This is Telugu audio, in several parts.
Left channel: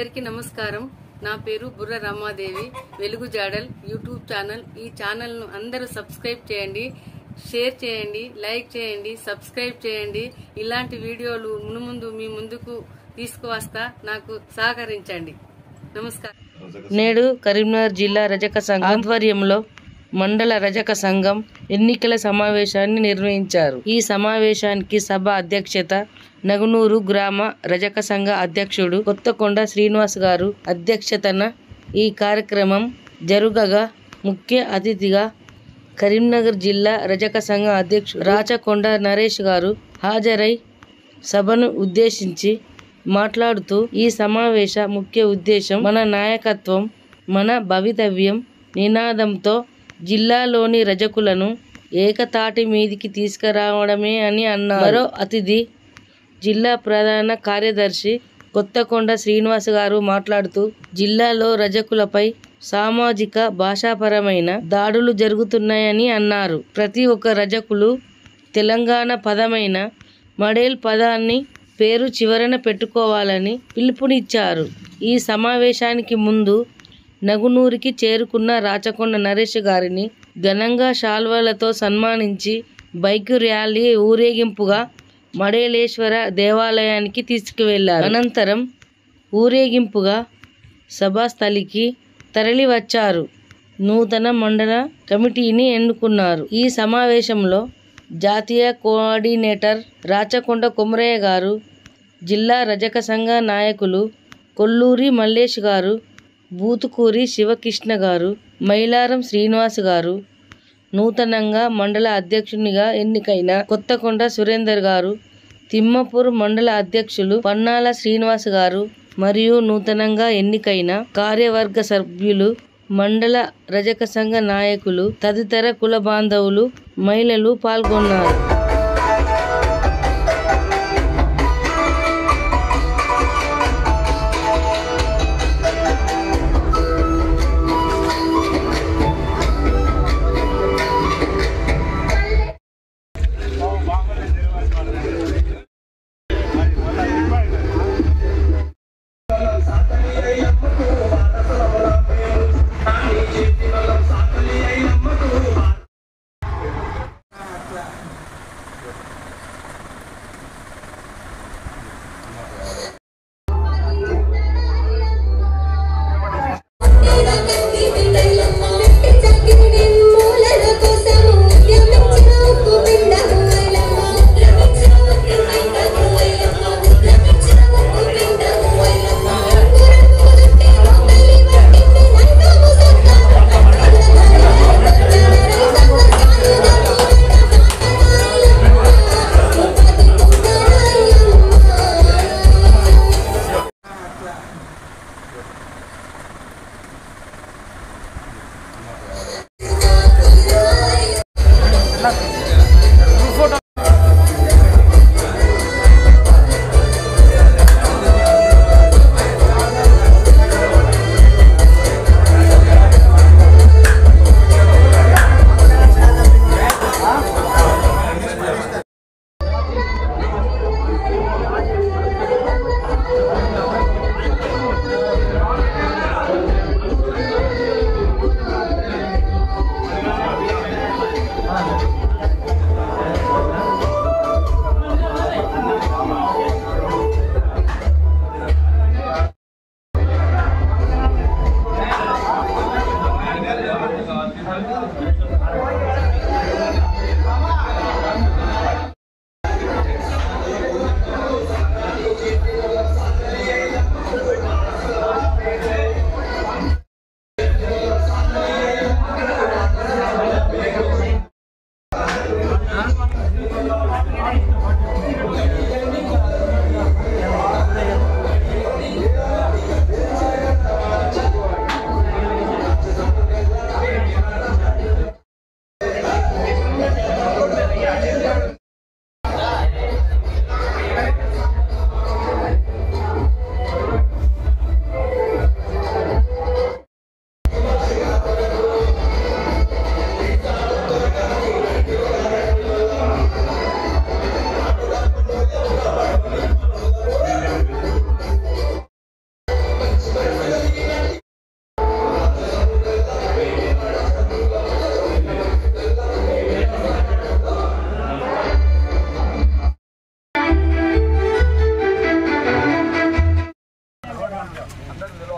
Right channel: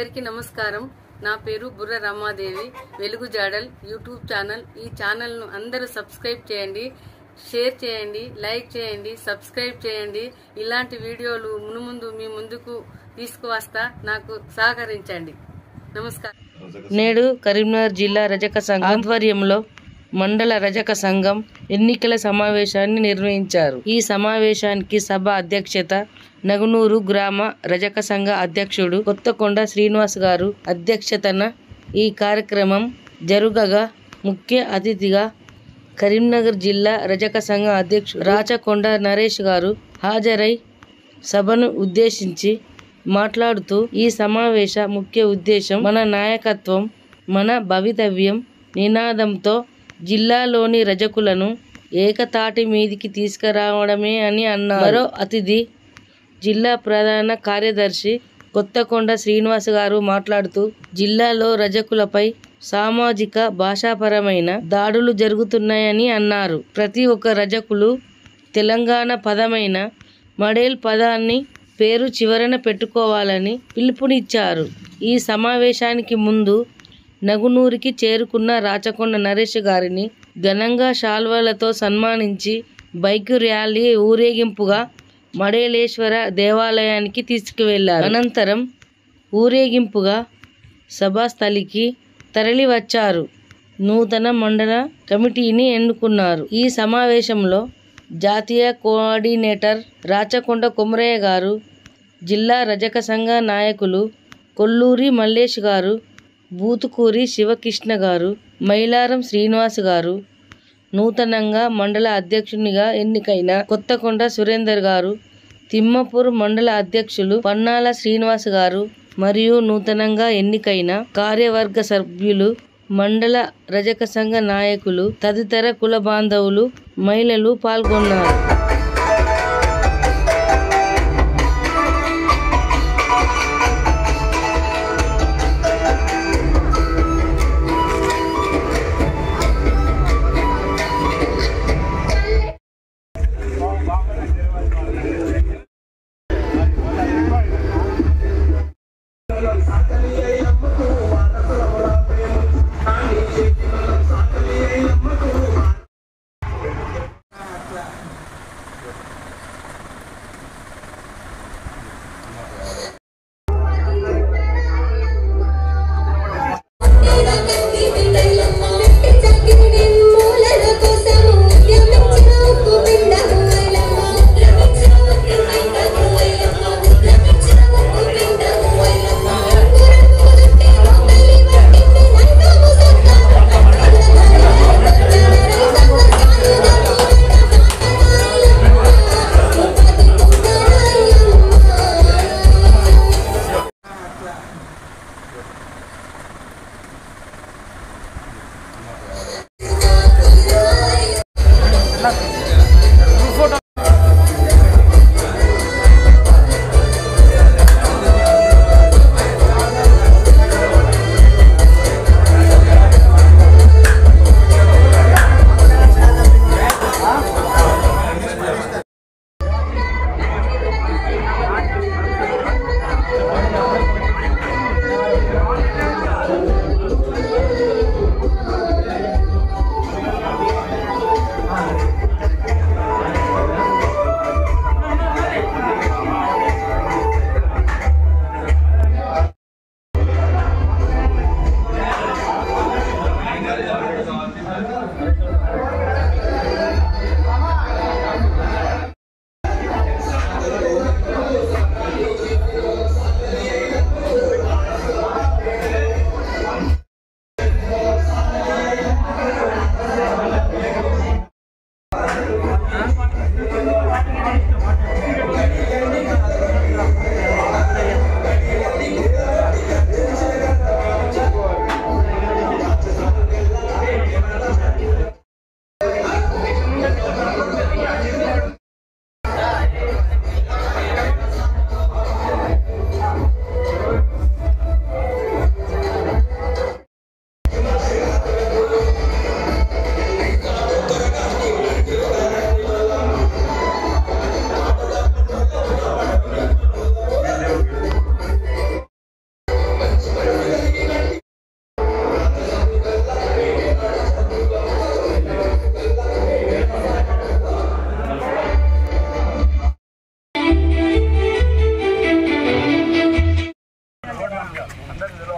అందరికీ నమస్కారం. నా పేరు బుర్ర రమాదేవి. వెలుగు జాడల్ యూట్యూబ్ ఛానల్. ఈ ఛానల్ ను అందరూ సబ్స్క్రైబ్ చేయండి, షేర్ చేయండి, లైక్ చేయండి, సబ్స్క్రైబ్ చేయండి. ఇలాంటి వీడియోలు మునుముందు మీ ముందుకు తీసుకువస్తా. నాకు సహకరించండి. నమస్కారం. నేడు కరీంనగర్ జిల్లా రజక సంఘం ఆధ్వర్యంలో మండల రజక సంఘం ఎన్నికల సమావేశాన్ని నిర్వహించారు. ఈ సమావేశానికి సభ అధ్యక్షత నగునూరు గ్రామ రజక సంఘ అధ్యక్షుడు కొత్తకొండ శ్రీనివాస్ గారు అధ్యక్షతన ఈ కార్యక్రమం జరుగగా ముఖ్య అతిథిగా కరీంనగర్ జిల్లా రజక సంఘ అధ్యక్షుడు రాచకొండ నరేష్ గారు హాజరై సభను ఉద్దేశించి మాట్లాడుతూ ఈ సమావేశ ముఖ్య ఉద్దేశం మన నాయకత్వం మన భవితవ్యం నినాదంతో జిల్లాలోని రజకులను ఏకతాటి మీదికి తీసుకురావడమే అని అన్నారు. మరో అతిథి జిల్లా ప్రధాన కార్యదర్శి కొత్తకొండ శ్రీనివాస్ గారు మాట్లాడుతూ జిల్లాలో రజకులపై సామాజిక భాషాపరమైన దాడులు జరుగుతున్నాయని అన్నారు. ప్రతి ఒక్క రజకులు తెలంగాణ పదమైన మడేల్ పదాన్ని పేరు చివరన పెట్టుకోవాలని పిలుపునిచ్చారు. ఈ సమావేశానికి ముందు నగునూరికి చేరుకున్న రాచకొండ నరేష్ గారిని ఘనంగా శాల్వాలతో సన్మానించి బైక్ ర్యాలీ ఊరేగింపుగా మడేలేశ్వర దేవాలయానికి తీసుకువెళ్లారు. అనంతరం ఊరేగింపుగా సభాస్థలికి తరలి వచ్చారు. నూతన మండల కమిటీని ఎన్నుకున్నారు. ఈ సమావేశంలో జాతీయ కోఆర్డినేటర్ రాచకొండ కొమరయ్య గారు, జిల్లా రజక సంఘ నాయకులు కొల్లూరి మల్లేష్ గారు, బూతుకూరి శివకృష్ణ గారు, మైలారం శ్రీనివాస్ గారు, నూతనంగా మండల అధ్యక్షునిగా ఎన్నికైన కొత్తకొండ సురేందర్ గారు, తిమ్మపూర్ మండల అధ్యక్షులు పన్నాల శ్రీనివాస్ గారు మరియు నూతనంగా ఎన్నికైన కార్యవర్గ సభ్యులు, మండల రజక సంఘ నాయకులు తదితర కుల బాంధవులు, మహిళలు పాల్గొన్నారు.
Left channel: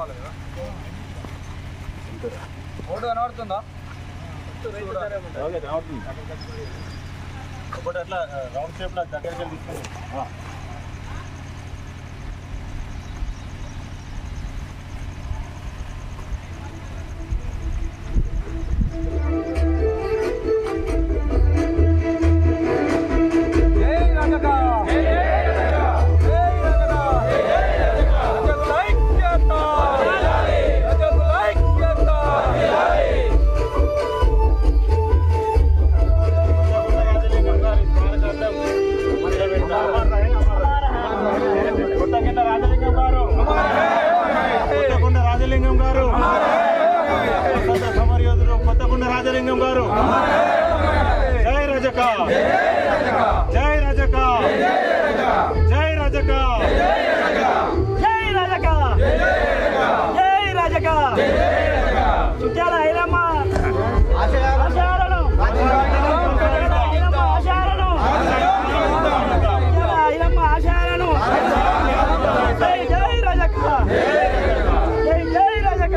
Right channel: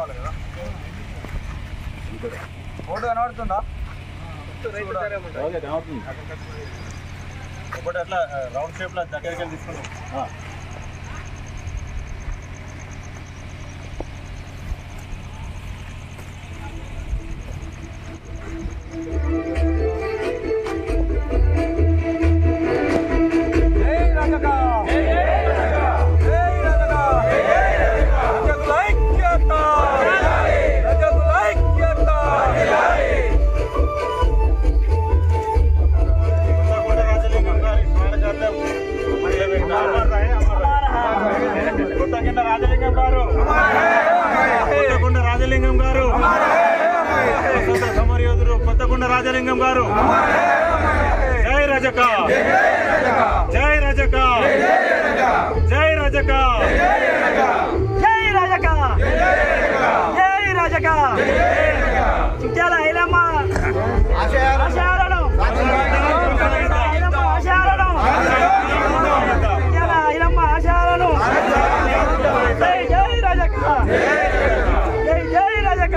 రావాలి కదా. ఫోటో కనబడుతుందా? ఒకటి అట్లా రౌండ్ షేప్లో దగ్గరికి వెళ్ళి తీసుకుంటాం. రాజలింగం గారు, సమరయోధుడు కొత్తకొండ రాజలింగం గారు. జై రజక, జై రజక, జై రజక, జై రజక, జై రజక. చాలా ఐలమ్మ ఆశాలను, ఆశాలను, ఐలమ్మ ఆశాలను. జై జై రజక, జై జై రజక.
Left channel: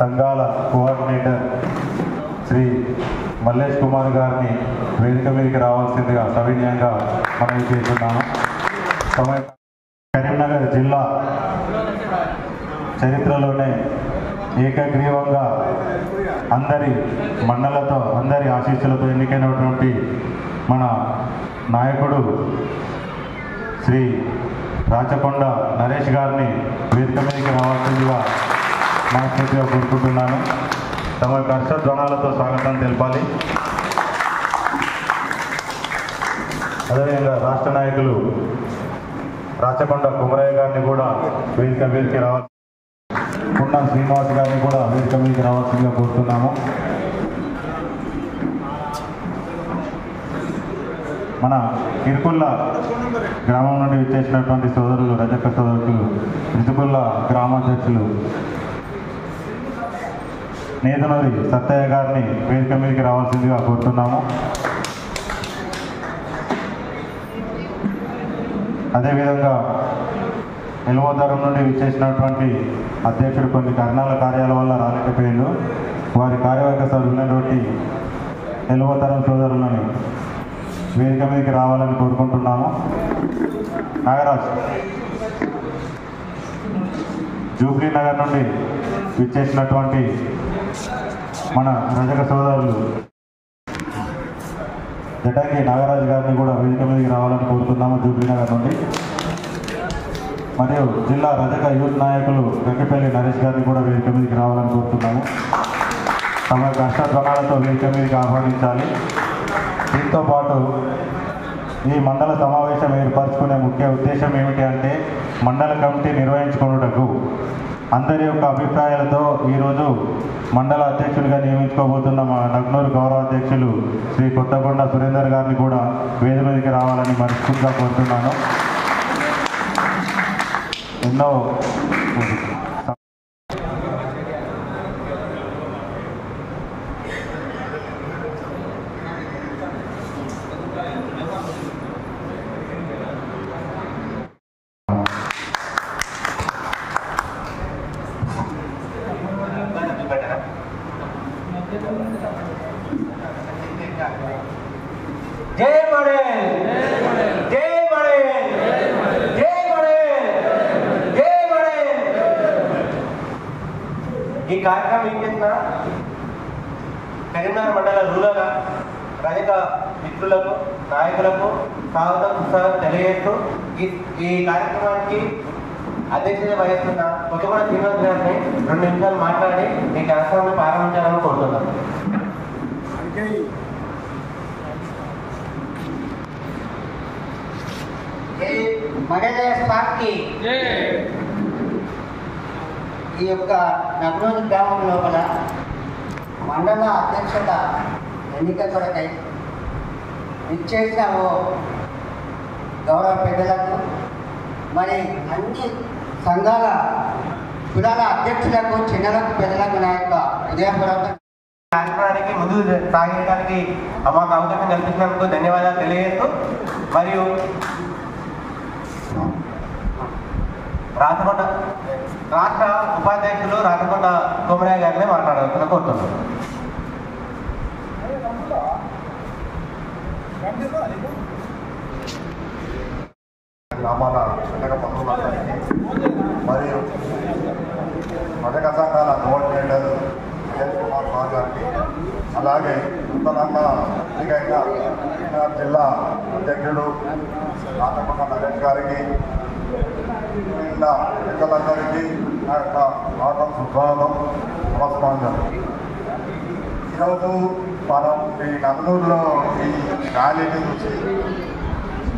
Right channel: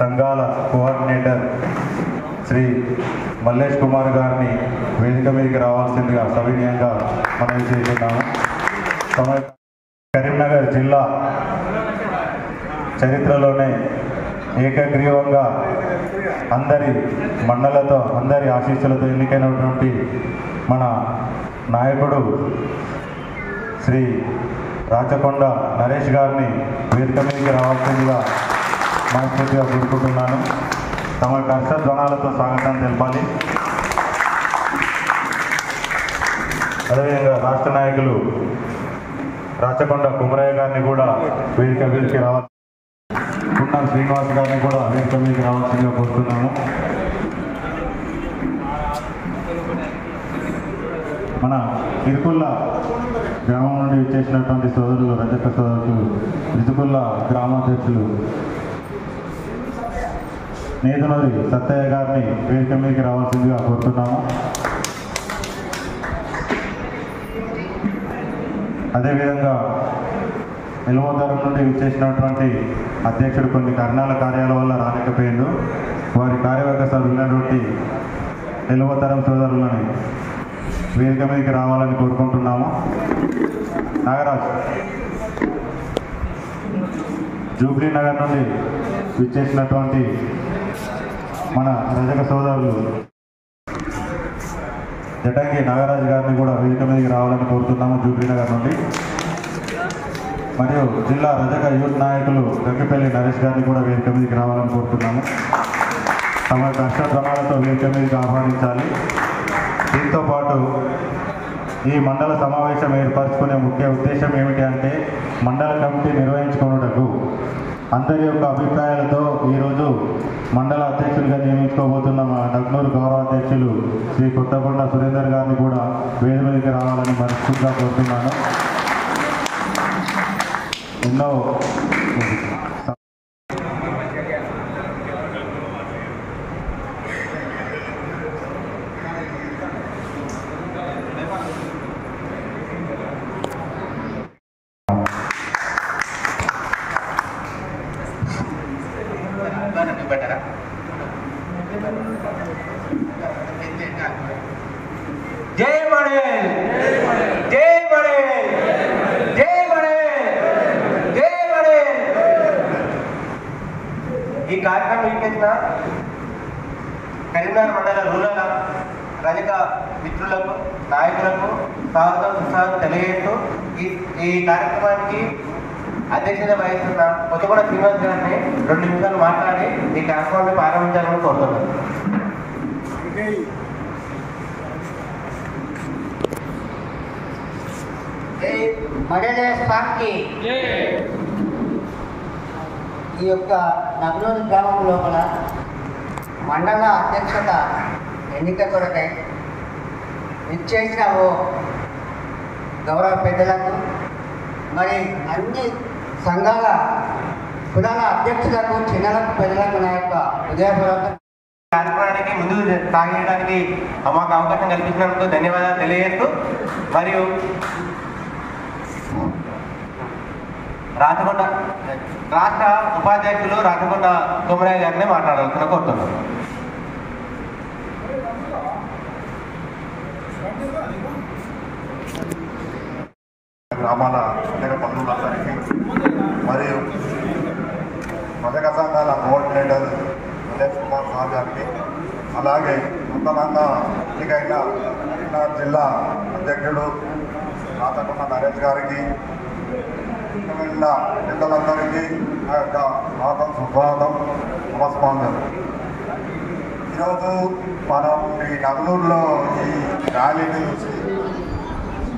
సంఘాల కోఆర్డినేటర్ శ్రీ మల్లేష్ కుమార్ గారిని వేదిక మీదకి రావాల్సిందిగా సవినయంగా మనం చేస్తున్నాము. కరీంనగర్ జిల్లా చరిత్రలోనే ఏకగ్రీవంగా అందరి మన్నలతో, అందరి ఆశీస్సులతో ఎన్నికైనటువంటి మన నాయకుడు శ్రీ రాచకొండ నరేష్ గారిని వేదిక మీదకి రావాల్సిందిగా మనస్ఫూర్తిగా కోరుకుంటున్నాను. తమ హర్షధ్వానాలతో స్వాగతం తెలపాలి. అదేవిధంగా రాష్ట్ర నాయకులు రాచకొండ కుమరయ్య గారిని కూడా వేదిక మీదకి రావాలి. కుండం శ్రీనివాస్ గారిని కూడా వేదిక మీదకి రావాల్సిందిగా కోరుతున్నాము. మన ఇరుకుల్ల గ్రామం నుండి వచ్చేసినటువంటి సోదరులు, రజక సోదరులు, ఇరుకుల్ల గ్రామాధ్యక్షులు నేతనూరి సత్తయ్య గారిని వేదిక మీదకి రావాల్సిందిగా కోరుతున్నాము. అదేవిధంగా నిలవతరం నుండి విచ్చేసినటువంటి అధ్యక్షుడు కొన్ని కారణాల కార్యాల వల్ల రాలేకపోయిండు. వారి కార్యవర్గ సభ్యులైనటువంటి నిలవతరం సోదరులను వేదిక మీదకి రావాలని కోరుకుంటున్నాము. నాగరాజ్ జూబ్లీ నగర్ నుండి విచ్చేసినటువంటి మన రజక సోదరులు జటంగి నాగరాజు గారిని కూడా వేదిక మీదకి రావాలని కోరుతున్నాము జూబ్లీ నగర్ నుండి. మరియు జిల్లా రజక యూత్ నాయకులు గంగిపల్లి నరేష్ గారిని కూడా వేదిక మీదకి రావాలని కోరుతున్నాము. తమ హర్షధ్వానాలతో వేదిక మీదకి ఆహ్వానించాలి. దీంతో పాటు ఈ మండల సమావేశం ఏర్పరచుకునే ముఖ్య ఉద్దేశం ఏమిటి అంటే, మండల కమిటీ నిర్వహించుకున్నటకు అందరి యొక్క అభిప్రాయాలతో ఈరోజు మండల అధ్యక్షులుగా నియమించుకోబోతున్న మా నగ్నూరు గౌరవ అధ్యక్షులు శ్రీ కొత్తకొండ సురేందర్ గారిని కూడా వేదిక మీదకి రావాలని మనస్ఫూర్తిగా కోరుతున్నాను. ఎన్నో జై ఈ కార్యక్రమం ఏం చేసిన కరీంనగర్ మండల రూరల్ రజక మిత్రులకు నాయకులకు స్వాగతం సుస్వాగతం తెలియజేస్తూ ఈ కార్యక్రమానికి అధ్యక్షత వహిస్తున్న కొత్తగూడ శ్రీనివాస్ గారిని 2 నిమిషాలు మాట్లాడి ఈ కార్యక్రమాన్ని ప్రారంభించాలని కోరుతున్నాను. ఈ యొక్క నగనూరు గ్రామం లోపల మండల అధ్యక్షత ఎన్నిక కొరకై ఇచ్చేసిన ఓ గౌరవ పెద్దలకు మరి అన్ని సంఘాల కులాల అధ్యక్షులకు చిన్నలకు పెద్దలకు నా యొక్క ఉదయపూర్వక కార్యక్రమానికి ముందుకు సాగడానికి మాకు అవకాశం కల్పించినందుకు ధన్యవాదాలు తెలియజేస్తూ మరియు రాచకొండ రాష్ట్ర ఉపాధ్యక్షులు రాచకొండ కోమరయ్య గారిని మాట్లాడాల్సిన కోరుతున్నాను. గ్రామాల రజక బంధువులందరికీ మరియు రజక సంఘాల కోఆర్డినేటర్ విజయ్ కుమార్ సార్ గారికి అలాగే నూతనంగా ఎన్నికైన కరీంనగర్ జిల్లా అధ్యక్షుడు రాచకొండ నరేష్ గారికి పెద్దలందరికీ నా యొక్క స్వాగతం సుస్వాగతం నమస్కారం. ఈరోజు మనం ఈ నగనూరులో ఈ ర్యాలీని చూసి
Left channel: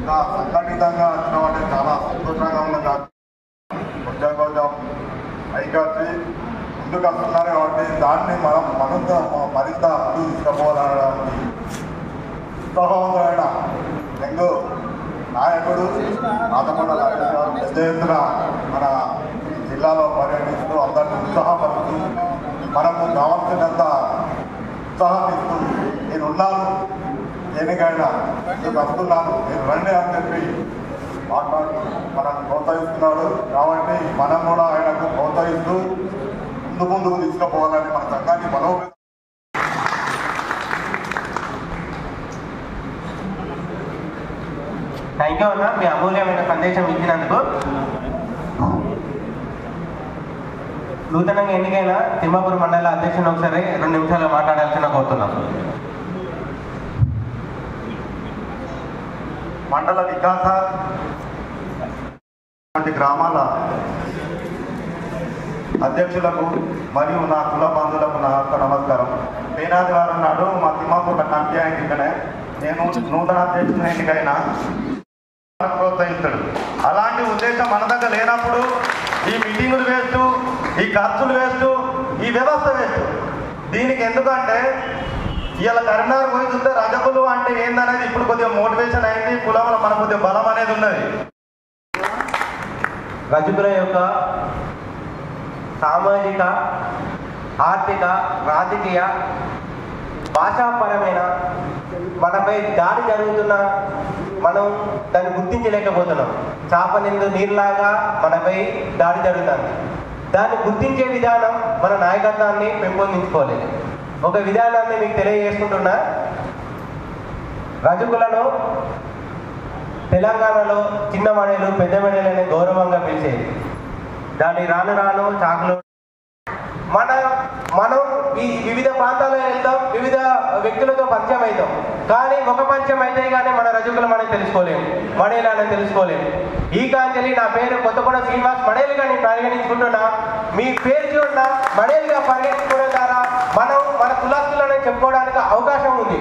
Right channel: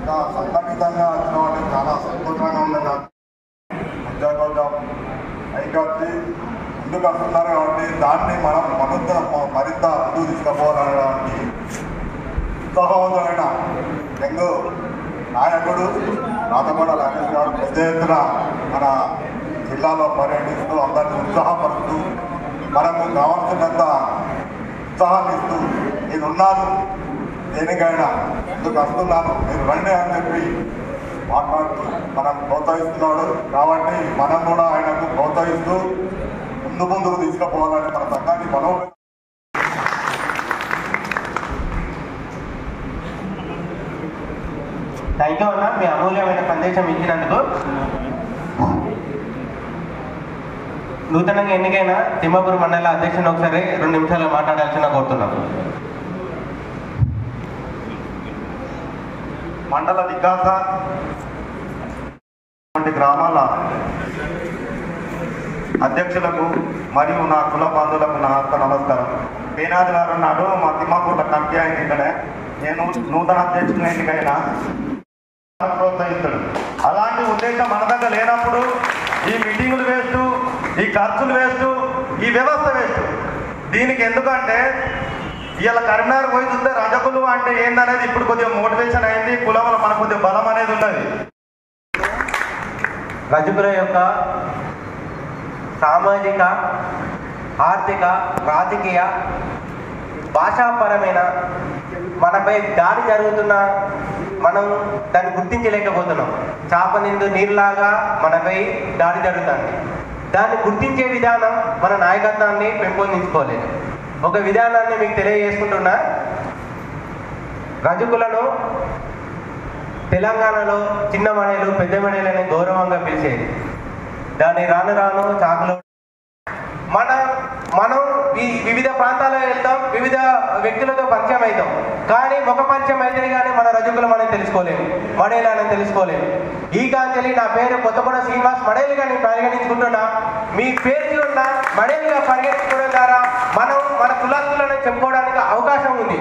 సంఘటితంగా వచ్చిన వాళ్ళు చాలా సంతోషంగా ఉన్నది. కొంచెం ఐకాచి ముందుకు వస్తున్నారు కాబట్టి దాన్ని మనం మరింత ముందుకు తీసుకుపోవాలనడానికి ఉత్సాహవంతమైన యంగ్ నాయకుడు రాచకొండ నరేష్ గారు పెద్ద ఎత్తున మన జిల్లాలో పర్యటిస్తూ అందరినీ ఉత్సాహపరుస్తూ మనకు కావాల్సినంత ఉత్సాహం ఇస్తూ నేనున్నాను, దేనికైనా మీకు వస్తున్నాను, మీరు రండి అని చెప్పి మాట్లాడుతూ మనకు ప్రోత్సహిస్తున్నాడు. కాబట్టి మనం కూడా ఆయనకు ప్రోత్సహిస్తూ ముందుకు తీసుకుపోవాలని మన సంఘాన్ని బలోపేతం. థ్యాంక్ యూ అన్న, మీ అమూల్యమైన సందేశం ఇచ్చినందుకు. నూతనంగా ఎన్నికైన తిమ్మాపూర్ మండల అధ్యక్షుని ఒకసారి 2 నిమిషాలు మాట్లాడాల్సిన కోరుతున్నాం. మండల వికాస గ్రామాల అధ్యక్షులకు మరియు నా కుల బంధువులకు నా యొక్క నమస్కారం. పేనాదివారం నాడు మా తిమ్మాపూర్ల కమిటీ అయింది. ఇక్కడే నేను నూతన అధ్యక్షుని ఎన్నికైనా ప్రోత్సహిస్తాడు. అలాంటి ఉద్దేశం మన దగ్గర లేనప్పుడు ఈ మీటింగులు వేస్తూ, ఈ ఖర్చులు వేస్తూ, ఈ వ్యవస్థ వేస్తూ. దీనికి ఎందుకంటే ఇవాళ కరీంనగర్ పోయి చూస్తే రజకులు అంటే ఏందనేది ఇప్పుడు కొద్దిగా మోటివేషన్ అయింది. కులంలో మన కొద్దిగా బలం అనేది ఉన్నది. రజకుల యొక్క సామాజిక, ఆర్థిక, రాజకీయ, భాషాపరమైన మనపై దాడి జరుగుతున్న మనం దాన్ని గుర్తించలేకపోతున్నాం. చేప నిండు నీరులాగా మనపై దాడి జరుగుతుంది. దాన్ని గుర్తించే విధానం మన నాయకత్వాన్ని పెంపొందించుకోలేదు. ఒక విధానాన్ని మీకు తెలియజేసుకుంటున్నా. రజకులను తెలంగాణలో చిన్న మణిలు, పెద్ద మణిలని గౌరవంగా పిలిచేది. దాన్ని రాను రాను చాకులో మనం ఈ వివిధ ప్రాంతాల్లో వెళ్తాం, వివిధ వ్యక్తులతో పరిచయం అవుతాం. కానీ ఒక పరిచయం అయితే కానీ మన రజకులు మనం తెలుసుకోలేము, మడేలని తెలుసుకోలేము. ఈ కాంచెలి నా పేరు కొత్తగూడ శ్రీనివాస్ మడేలుగా నేను పరిగణించుకుంటున్నా. మీ పేరు ఉన్న మడేలుగా పరిగణించుకోవడం ద్వారా మనం మన కులస్తులను చెప్పుకోవడానికి అవకాశం ఉంది.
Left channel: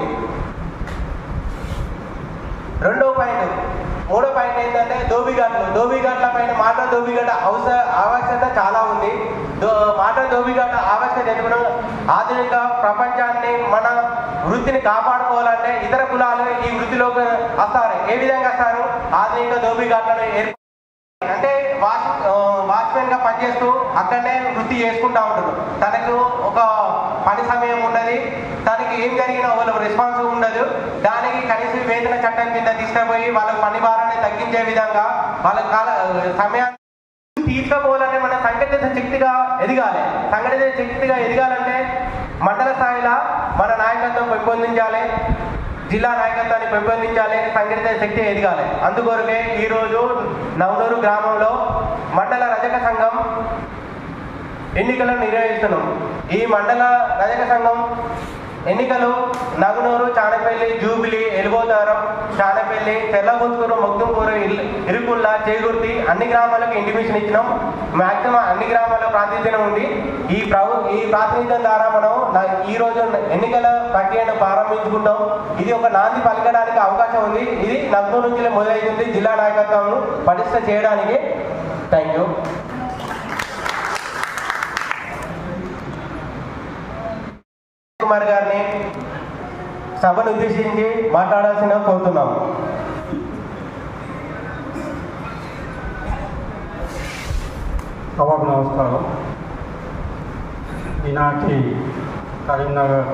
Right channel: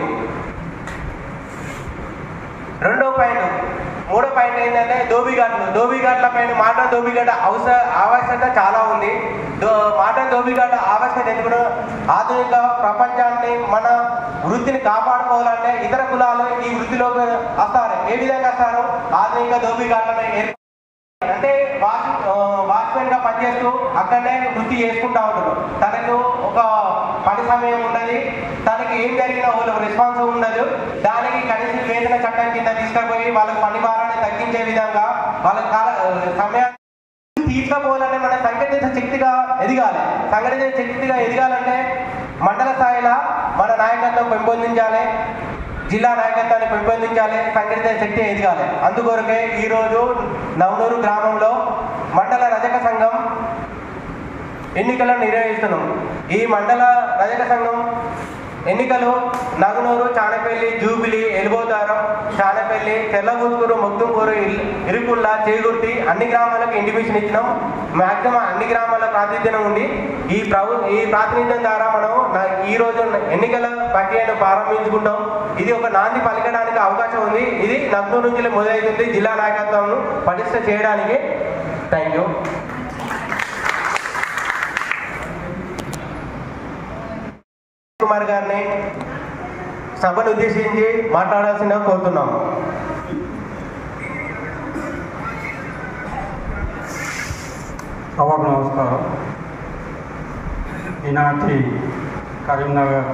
రెండో పాయింట్, మూడో పాయింట్ ఏంటంటే దోబిఘాట్ల పైన మాటన్ దోబిఘాట్ ఆవశ్యకత చాలా ఉంది. మాటన్ దోబిఘాట్ ఆవశ్యకత ఎందుకు? ఆధునిక ప్రపంచాన్ని మన వృత్తిని కాపాడుకోవాలంటే ఇతర కులాలు ఈ వృత్తిలోకి వస్తారు. ఏ విధంగా వస్తారు? ఆధునిక దోబిఘాట్లను అంటే వాచ్మెన్ గా పనిచేస్తూ అక్కడనే వృత్తి చేసుకుంటా ఉంటారు. తనకు ఒక పని సమయం ఉన్నది, తనకి ఏం జరిగినా వాళ్ళకి రెస్పాన్స్ ఉండదు. దానికి కనీస వేతన చట్టం కింద తీసుకుపోయి వాళ్ళకి పని భారాన్ని తగ్గించే విధంగా వాళ్ళ సమయాన్ని తీసుకుపోవాలంటే మన సంఘటిత శక్తిగా ఎదగాలి. సంఘటిత శక్తిగా ఎదగాలంటే మండల స్థాయిలో మన నాయకత్వం పెంపొందించాలి, జిల్లా నాయకత్వాన్ని పెంపొందించాలి, సంఘటిత శక్తి ఎదగాలి. అందుకొరకే ఈరోజు నవనూరు గ్రామంలో మండల రజక సంఘం ఎన్నికలను నిర్వహిస్తున్నాం. ఈ మండల రజక సంఘం ఎన్నికలు నగునూరు, చానపల్లి, జూబిలి, ఎలుగోదారం, చానపల్లి, తెల్లగూతుకూరు, మొగ్దుంపూరు, ఇరుకుల్లా, చేగుర్తి అన్ని గ్రామాలకు ఇంటిమేషన్ ఇచ్చినాం. మ్యాక్సిమం అన్ని గ్రామాల ప్రాతినిధ్యం ఉంది. ఈ ప్రాతినిధ్యం ద్వారా మనం ఈ రోజు ఎన్నికల ప్రక్రియను ప్రారంభించుకుంటాం. ఇది ఒక నాంది పలకడానికి అవకాశం ఉంది. ఇది నగ్నూరు నుంచి మొదలవుతుంది జిల్లా నాయకత్వం పటిష్ట చేయడానికి. Thank you. కుమార్ గారిని సభను ఉద్దేశించి మాట్లాడాల్సిందిగా కోరుతున్నాం. సభకు నమస్కారం. ఈనాటి కరీంనగర్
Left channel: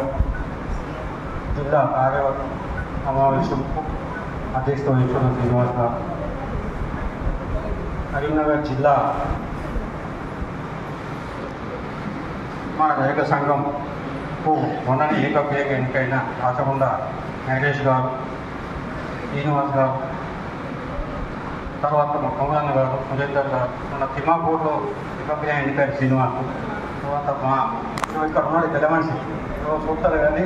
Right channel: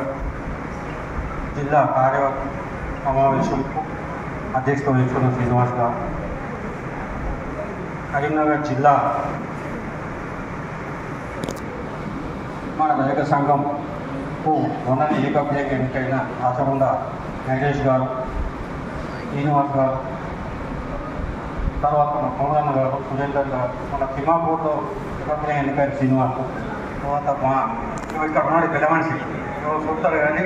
జిల్లా కార్య సమావేశంకు అధ్యక్షత వహించుకున్న శ్రీనివాస్ గారు, కరీంనగర్ జిల్లా మన రజక సంఘంకు మొన్ననే ఏకగ్రీవ ఎన్నికైన ఆచకొండ నరేష్ గారు, శ్రీనివాస్ గారు, తర్వాత మా కమలన్న గారు, సురేందర్ గారు, మన తిమ్మాపూర్లో ఏకగ్రీవ ఎన్నికైన శ్రీనివాస్, తర్వాత మా ఇక్కడ ఉన్నాడు పెద్ద మనిషి చూస్తారు కానీ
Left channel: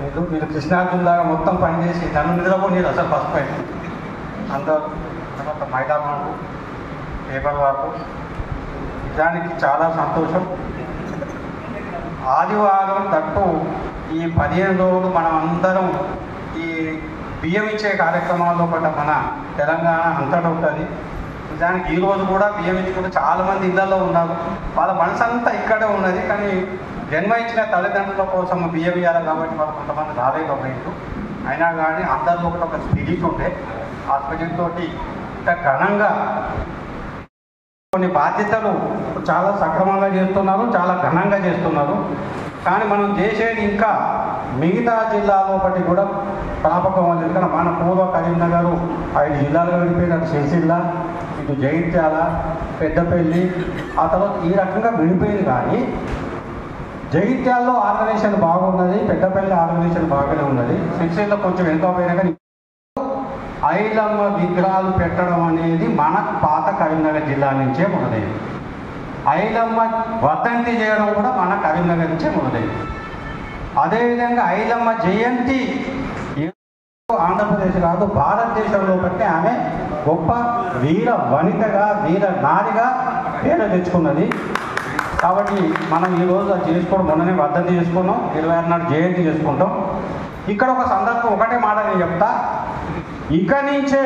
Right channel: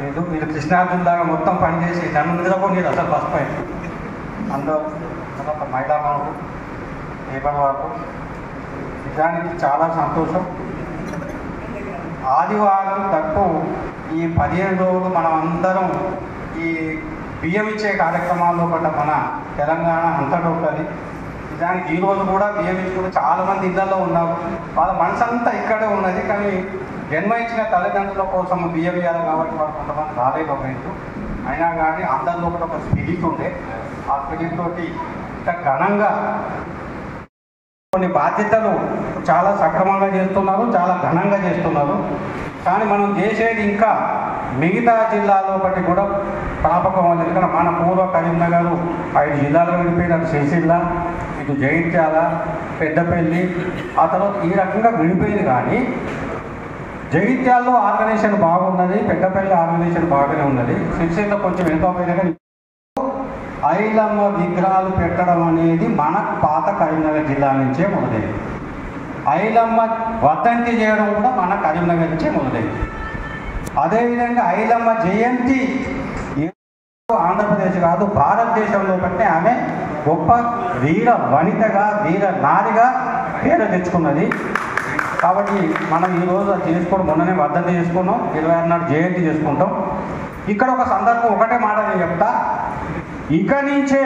వీళ్ళు కృష్ణార్జునలాగా మొత్తం పనిచేసి నన్ను నిద్రపోలేదు అసలు ఫస్ట్ పైన అందరూ. తర్వాత మైదానాలు, పేపర్ వరకు నిజానికి చాలా సంతోషం. ఆదివారం తప్పు ఈ 15 రోజులు మనం అందరం ఈ బియ్యం ఇచ్చే కార్యక్రమాల్లో పట్ల మన తెలంగాణ అంతటా ఉంటుంది. నిజానికి ఈరోజు కూడా బియ్యం ఇచ్చుకుంటూ చాలామంది ఇళ్లలో ఉన్నారు. వాళ్ళ మనసు అంతా ఇక్కడే ఉన్నది. కానీ జన్మ ఇచ్చిన తల్లిదండ్రుల కోసం బియ్యం ఇవ్వాలి కాబట్టి వాళ్ళు కొంతమంది రాలేదు ఒక ఇల్లు. అయినా కానీ అందరిలో కూడా ఒక స్పిరిట్ ఉండే. ఆ స్పిరిట్ తోటి ఇంత ఘనంగా కొన్ని బాధ్యతలు చాలా సక్రమంగా చేస్తున్నారు, చాలా ఘనంగా చేస్తున్నారు. కానీ మనం చేసేది ఇంకా మిగతా జిల్లాలో బట్టి కూడా జ్ఞాపకం ఉంది. ఎందుకంటే మన పూర్వ కరీంనగర్ 5 జిల్లాలు విడిపోయినారు. సిరిసిల్ల, ఇటు జగిత్యాల, పెద్దపల్లి, ఆ తర్వాత ఈ రకంగా విడిపోయింది. కానీ జగిత్యాలలో ఆర్గనైజేషన్ బాగున్నది, పెద్దపల్లి ఆర్గనైజేషన్ బాగానే ఉన్నది. సిరిసిల్ల కొంచెం ఎంతో పోయినా కానీ ఐలమ్మ విగ్రహాలు పెట్టడం అనేది మన పాత కరీంనగర్ జిల్లా నుంచే మొదలైంది. ఐలమ్మ వర్ధంతి చేయడం కూడా మన కరీంనగర్ నుంచే మొదలైంది. అదేవిధంగా ఐలమ్మ జయంతి ఆంధ్రప్రదేశ్ కాదు భారతదేశంలో బట్టి ఆమె గొప్ప వీర వనితగా, వీర నారిగా పేరు తెచ్చుకున్నది. కాబట్టి మనం ఈరోజు అది చేసుకోవడం, మొన్ననే వర్ధంతి చేసుకున్నాం, 26 జయంతి చేసుకుంటాం. ఇక్కడ ఒక సందర్భం ఒకటే మాట నేను చెప్తా. ఇక నుంచే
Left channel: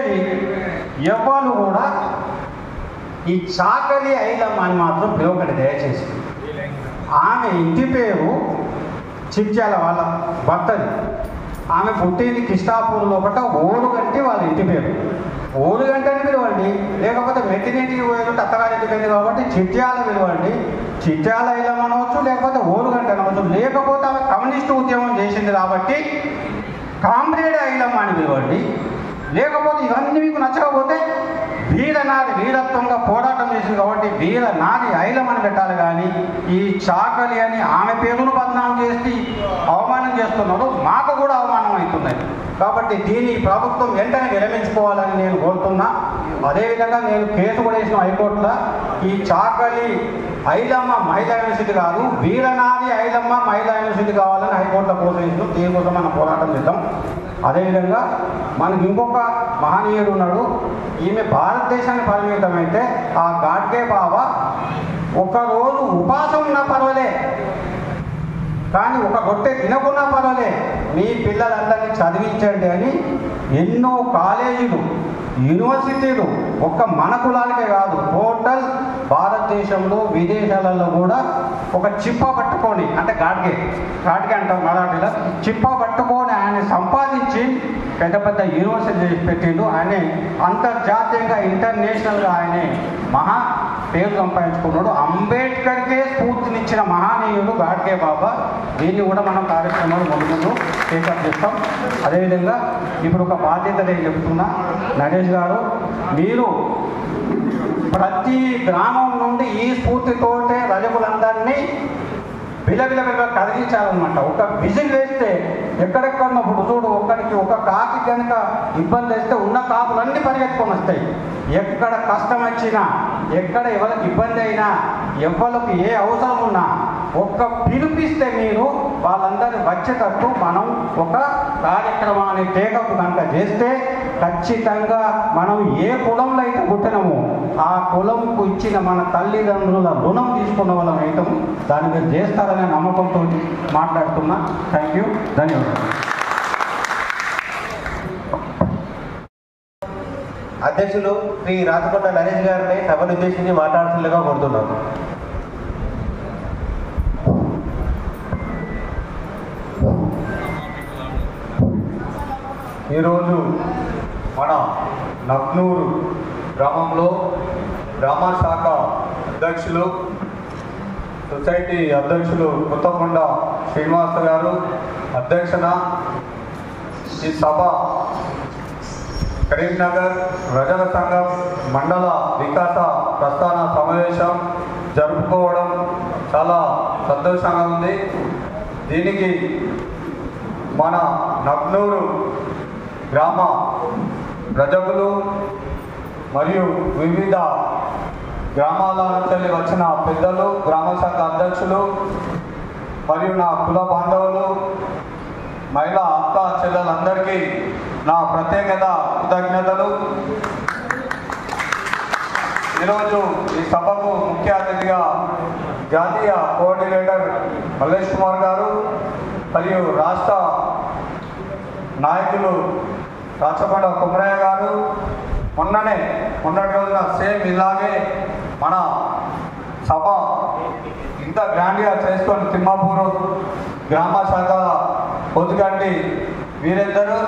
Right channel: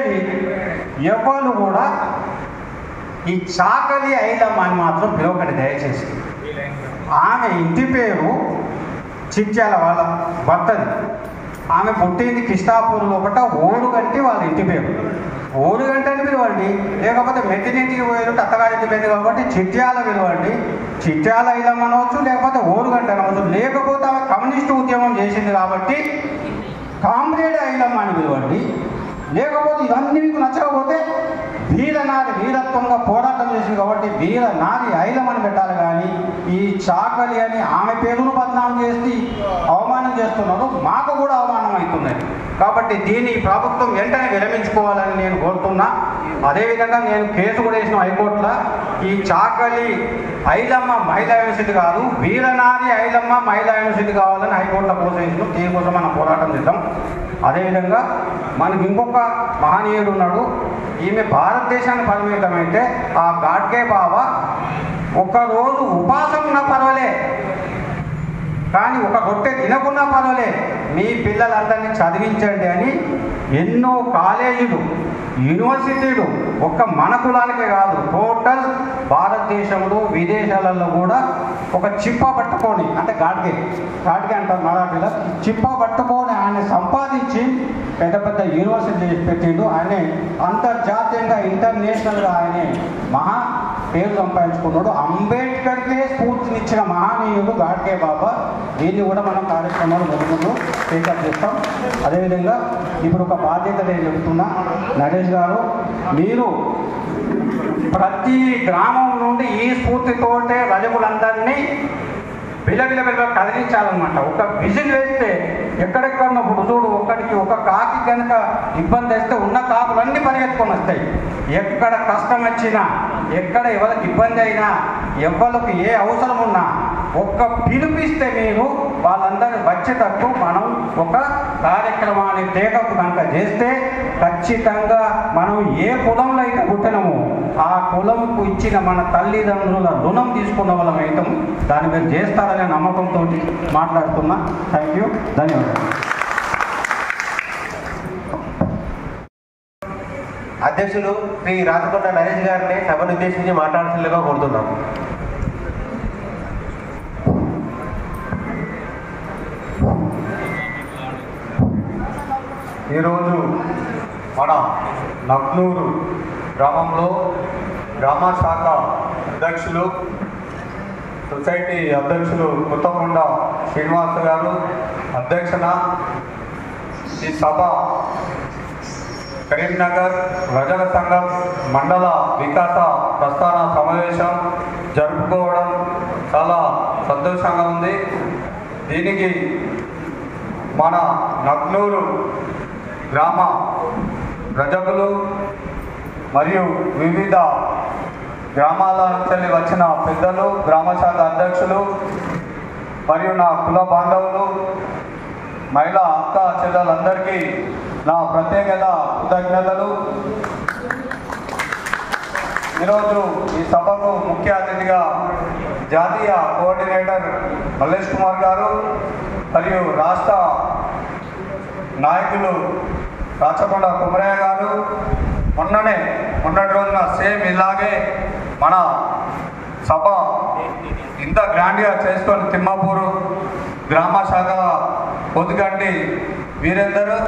ఎవరు కూడా ఈ చాకలి ఐలమ్మ అని మాత్రం పిలవకండి దయచేసి. ఆమె ఇంటి పేరు చిట్యాల వాళ్ళ భర్తది. ఆమె పుట్టింది కృష్ణాపూర్లో ఒకట ఓడుగంటి వాళ్ళ ఇంటి పేరు. ఓడుగంటని పిలవండి, లేకపోతే మెట్టినింటికి పోయేటట్టు అత్తగారింటి పేరు కాబట్టి చిట్యాల పిలవండి. చిట్యాల ఐలమ్మ అనవచ్చు, లేకపోతే ఓడుగంట అనవచ్చు. లేకపోతే ఆమె కమ్యూనిస్టు ఉద్యమం చేసింది కాబట్టి కామ్రేడ్ ఐలమ్మ అని పిలవండి. లేకపోతే ఇవన్నీ మీకు నచ్చకపోతే వీరనారి వీరత్వంగా పోరాటం చేసింది కాబట్టి వీరనారి ఐలమ్మని పెట్టాలి. కానీ ఈ చాకలి అని ఆమె పేరును బదనాం చేసి అవమానం చేస్తున్నారు, మాకు కూడా అవమానం అవుతున్నది. కాబట్టి దీన్ని ప్రభుత్వం వెంటనే విరమించుకోవాలని నేను కోరుతున్నా. అదేవిధంగా నేను కేసు కూడా వేసిన హైకోర్టులో ఈ చాకలి ఐలమ్మ మహిళా యూనివర్సిటీ కాదు, వీరనారి ఐలమ్మ మహిళా యూనివర్సిటీ కావాలని హైకోర్టులో పోసేసి దీనికోసం మనం పోరాటం చేద్దాం. అదేవిధంగా మనకు ఇంకొక మహనీయుడు ఉన్నాడు. ఈమె భారతదేశానికి పరిమితమైతే ఆ గాడ్గే బాబా ఒకరోజు ఉపాసం ఉన్నా పర్వాలే, కానీ ఒక రొట్టె తినకున్నా పర్వాలే, మీ పిల్లలందరినీ చదివించండి అని ఎన్నో కాలేజీలు, యూనివర్సిటీలు ఒక్క మన కులానికే కాదు టోటల్ భారతదేశంలో విదేశాలలో కూడా ఒక చిప్ప పట్టుకొని, అంటే గాడ్గే అంటాం మరాఠీలో, చిప్ప పట్టుకొని ఆయన సంపాదించి పెద్ద పెద్ద యూనివర్సిటీ పెట్టిండు. ఆయన అంతర్జాతీయంగా ఇంటర్నేషనల్గా ఆయన మహా పేరు సంపాదించుకున్నాడు. అంబేద్కర్కే స్ఫూర్తినిచ్చిన మహనీయుడు గాడ్గే బాబా. దీన్ని కూడా మనం కార్యక్రమాలు మొదలు టేకప్ చేస్తాం. అదేవిధంగా ఇప్పుడు ఒక బాధ్యత నేను చెబుతున్నా. నరేష్ గారు, మీరు ప్రతి గ్రామం నుండి ఈ స్ఫూర్తితోటే రజకులందరినీ బిలబిల కదిలించాలన్నమాట. ఒక విజిల్ వేస్తే ఎక్కడెక్కడ ఇప్పుడు చూడు, ఒక్కడికి ఒక కాకి కనుక ఇబ్బంది వస్తే ఉన్న కాపులన్నీ పరిగెత్తుకొని వస్తాయి. ఎక్కడ కష్టం వచ్చినా, ఎక్కడ ఎవరికి ఇబ్బంది అయినా, ఎవరికి ఏ అవసరం ఉన్నా ఒక్క పిలిపిస్తే మీరు వాళ్ళందరూ వచ్చేటట్టు మనం ఒక కార్యక్రమాన్ని టేకప్ కనుక చేస్తే ఖచ్చితంగా మనం ఏ కులంలో అయితే పుట్టినామో ఆ కులంకు ఇచ్చిన మన తల్లిదండ్రుల రుణం తీసుకున్న వాళ్ళం అయితే దాని మీద చేస్తారనే నమ్మకంతో మాట్లాడుతున్నా. థ్యాంక్ యూ, ధన్యవాదాలు. అధ్యక్షులు శ్రీ రాచకొండ నరేష్ గారిని సభను ఉద్దేశించి మాట్లాడుతుండగా కోరుతున్నాం. ఈరోజు మన నగ్నూరు గ్రామంలో గ్రామ శాఖ అధ్యక్షులు, సొసైటీ అధ్యక్షులు కొత్తకొండ శ్రీనివాస గారు అధ్యక్షన ఈ సభ కరీంనగర్ రజక సంఘం మండల వికాస ప్రస్థాన సమావేశం జరుపుకోవడం చాలా సంతోషంగా ఉంది. దీనికి మన నగ్నూరు గ్రామ ప్రజలు మరియు వివిధ గ్రామాల నుంచి వచ్చిన పెద్దలు, గ్రామ శాఖ అధ్యక్షులు మరియు నా కుల బాంధవులు, మహిళా అక్క చెల్లెలందరికీ నా ప్రత్యేకత కృతజ్ఞతలు. ఈరోజు ఈ సభకు ముఖ్య అతిథిగా జాతీయ కోఆర్డినేటర్ మల్లేష్ కుమార్ గారు మరియు రాష్ట్ర నాయకులు రాచకొండ కుమరయ్య గారు మొన్నటి రోజున సేమ్ ఇలాగే మన సభ ఇంత గ్రాండ్గా చేసుకొని తిమ్మాపూరు గ్రామ శాఖ పొద్దుగండి వీరందరూ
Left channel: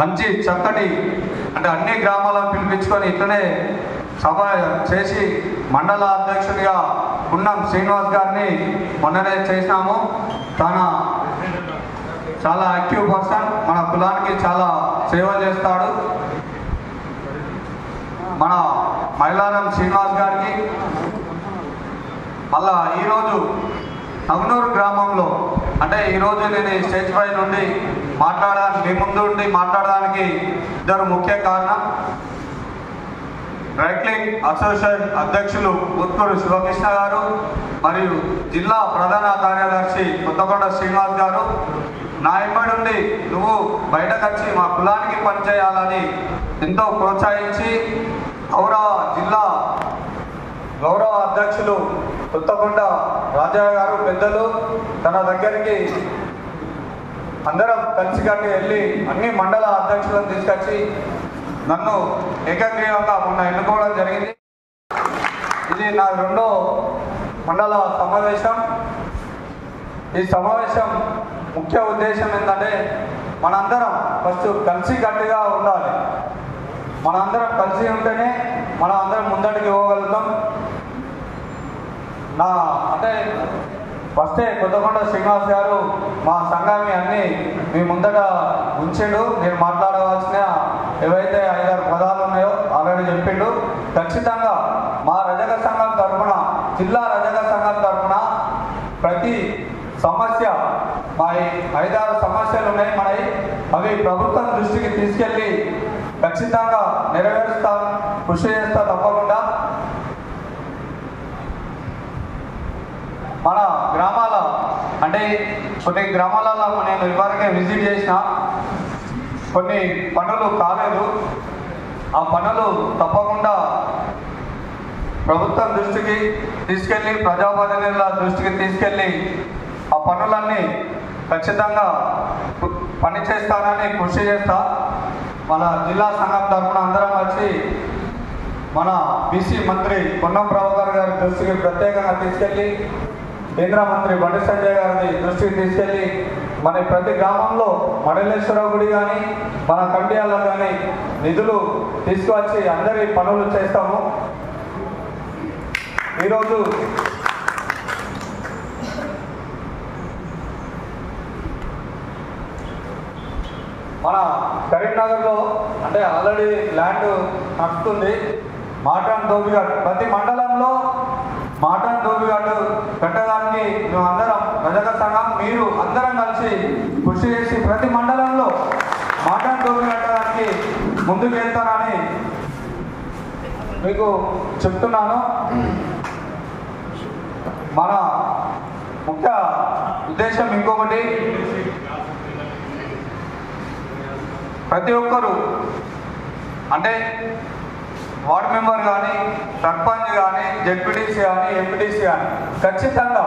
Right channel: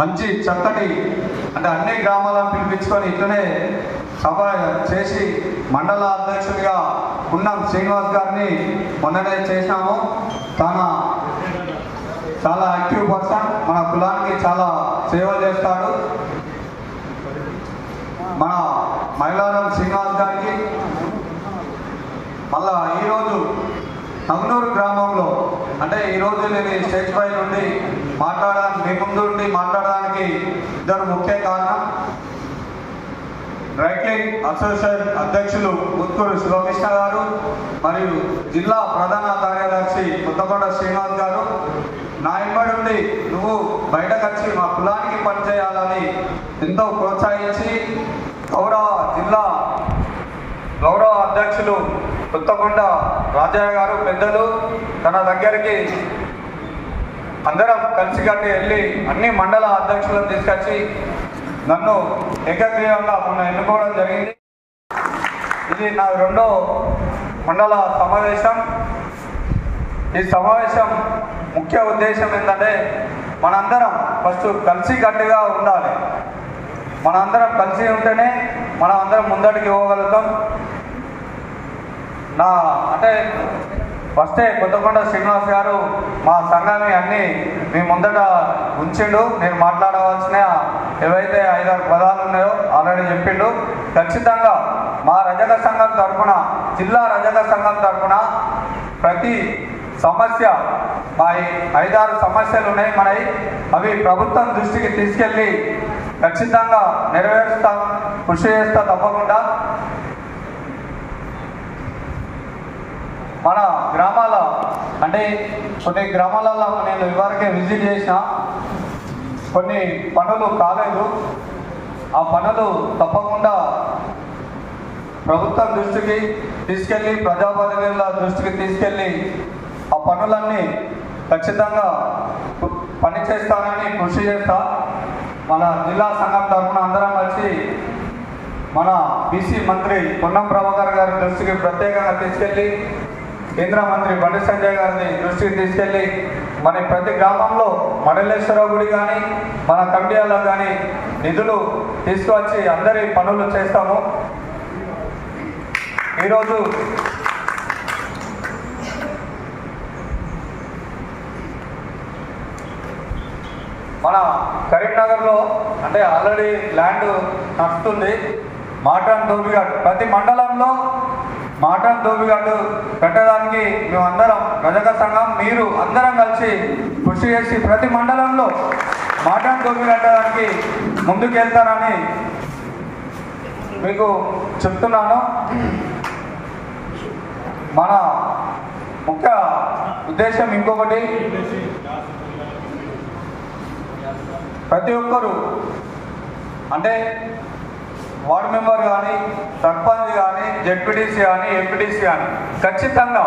మంచి చక్కటి అంటే అన్ని గ్రామాలను పిలిపించుకొని ఇట్లనే సభ చేసి మండల అధ్యక్షుడిగా పున్నం శ్రీనివాస్ గారిని మొన్ననే చేసినాము. చాలా యాక్టివ్ పర్సన్, మన కులానికి చాలా సేవ చేస్తాడు. మన మైలారం శ్రీనివాస్ గారికి మళ్ళా ఈరోజు నగ్నూరు గ్రామంలో అంటే ఈరోజు నేను ఈ స్టేజ్ పై నుండి మీ ముందు ఉండి మాట్లాడడానికి ఇద్దరు ముఖ్య కారణం. రైక్లింగ్ అసోసియేషన్ అధ్యక్షులు ఉత్కూరు శివకృష్ణ గారు మరియు జిల్లా ప్రధాన కార్యదర్శి కొత్తకొండ శ్రీనివాస్ గారు నా ఇంబడి నువ్వు బయటకు వచ్చి మా కులానికి పనిచేయాలని ఎంతో ప్రోత్సహించి గౌరవ అధ్యక్షులు కొత్తకొండ రాజయ్య గారు పెద్దలు తన దగ్గరికి అందరం కలిసికట్టి వెళ్ళి అన్ని మండల అధ్యక్షులను తీసుకొచ్చి నన్ను ఏకగ్రీవంగా మొన్న ఎన్నుకోవడం జరిగింది. ఇది నా 2వ మండల సమావేశం. ఈ సమావేశం ముఖ్య ఉద్దేశం ఏంటంటే మనందరం ఫస్ట్ కలిసికట్టుగా ఉండాలి. మనందరం కలిసి ఉంటేనే మనం అందరం ముందడికి పోగలుగుతాం. అంటే ఫస్టే కొత్తకొండ శ్రీనివాస్ గారు మా సంఘాన్ని అన్నీ మీ ముందట ఉంచిండు. నేను మాట్లాడవలసిన ఏవైతే 5-6 పదాలు ఉన్నాయో ఆల్రెడీ చెప్పిండు. ఖచ్చితంగా మా రజక సంఘం తరఫున, జిల్లా రజక సంఘం తరఫున ప్రతి సమస్య, మా 5-6 సమస్యలు ఉన్నాయి మనవి, అవి ప్రభుత్వం దృష్టికి తీసుకెళ్ళి ఖచ్చితంగా నెరవేరుస్తా, కృషి చేస్తా తప్పకుండా. మన గ్రామాల అంటే కొన్ని గ్రామాలలో నేను ఇదివరకే విజిట్ చేసిన, కొన్ని పనులు కాలేదు. ఆ పనులు తప్పకుండా ప్రభుత్వం దృష్టికి తీసుకెళ్ళి, ప్రజాప్రతినిధుల దృష్టికి తీసుకెళ్ళి ఆ పనులన్నీ ఖచ్చితంగా పని చేస్తానని కృషి చేస్తా. మన జిల్లా సంఘం తరఫున అందరం వచ్చి మన బీసీ మంత్రి పొన్నం ప్రభాకర్ గారి దృష్టికి ప్రత్యేకంగా తీసుకెళ్ళి, కేంద్ర మంత్రి బండి సంజయ్ గారిని దృష్టికి తీసుకెళ్ళి మన ప్రతి గ్రామంలో మండలేశ్వర గుడి కానీ మన కమిటీలకు కానీ నిధులు తీసుకువచ్చి అందరి పనులు చేస్తాము. ఈరోజు మన కరీంనగర్లో అంటే ఆల్రెడీ ల్యాండ్ నడుస్తుంది. మాటన్ దోబిఘాట్ ప్రతి మండలంలో మాటన్ దోబిఘాట్ కట్టడానికి మేమందరం రజక సంఘం మీరు అందరం కలిసి కృషి చేసి ప్రతి మండలంలో మాటను దొంగిలడానికి ముందుకు వెళ్తానని మీకు చెప్తున్నాను. మన ముఖ్య ఉద్దేశం ఇంకొకటి, ప్రతి ఒక్కరు అంటే వార్డు మెంబర్ కానీ, సర్పంచ్ కానీ, జెడ్పీటీసీ కానీ, ఎంపీటీసీ కానీ ఖచ్చితంగా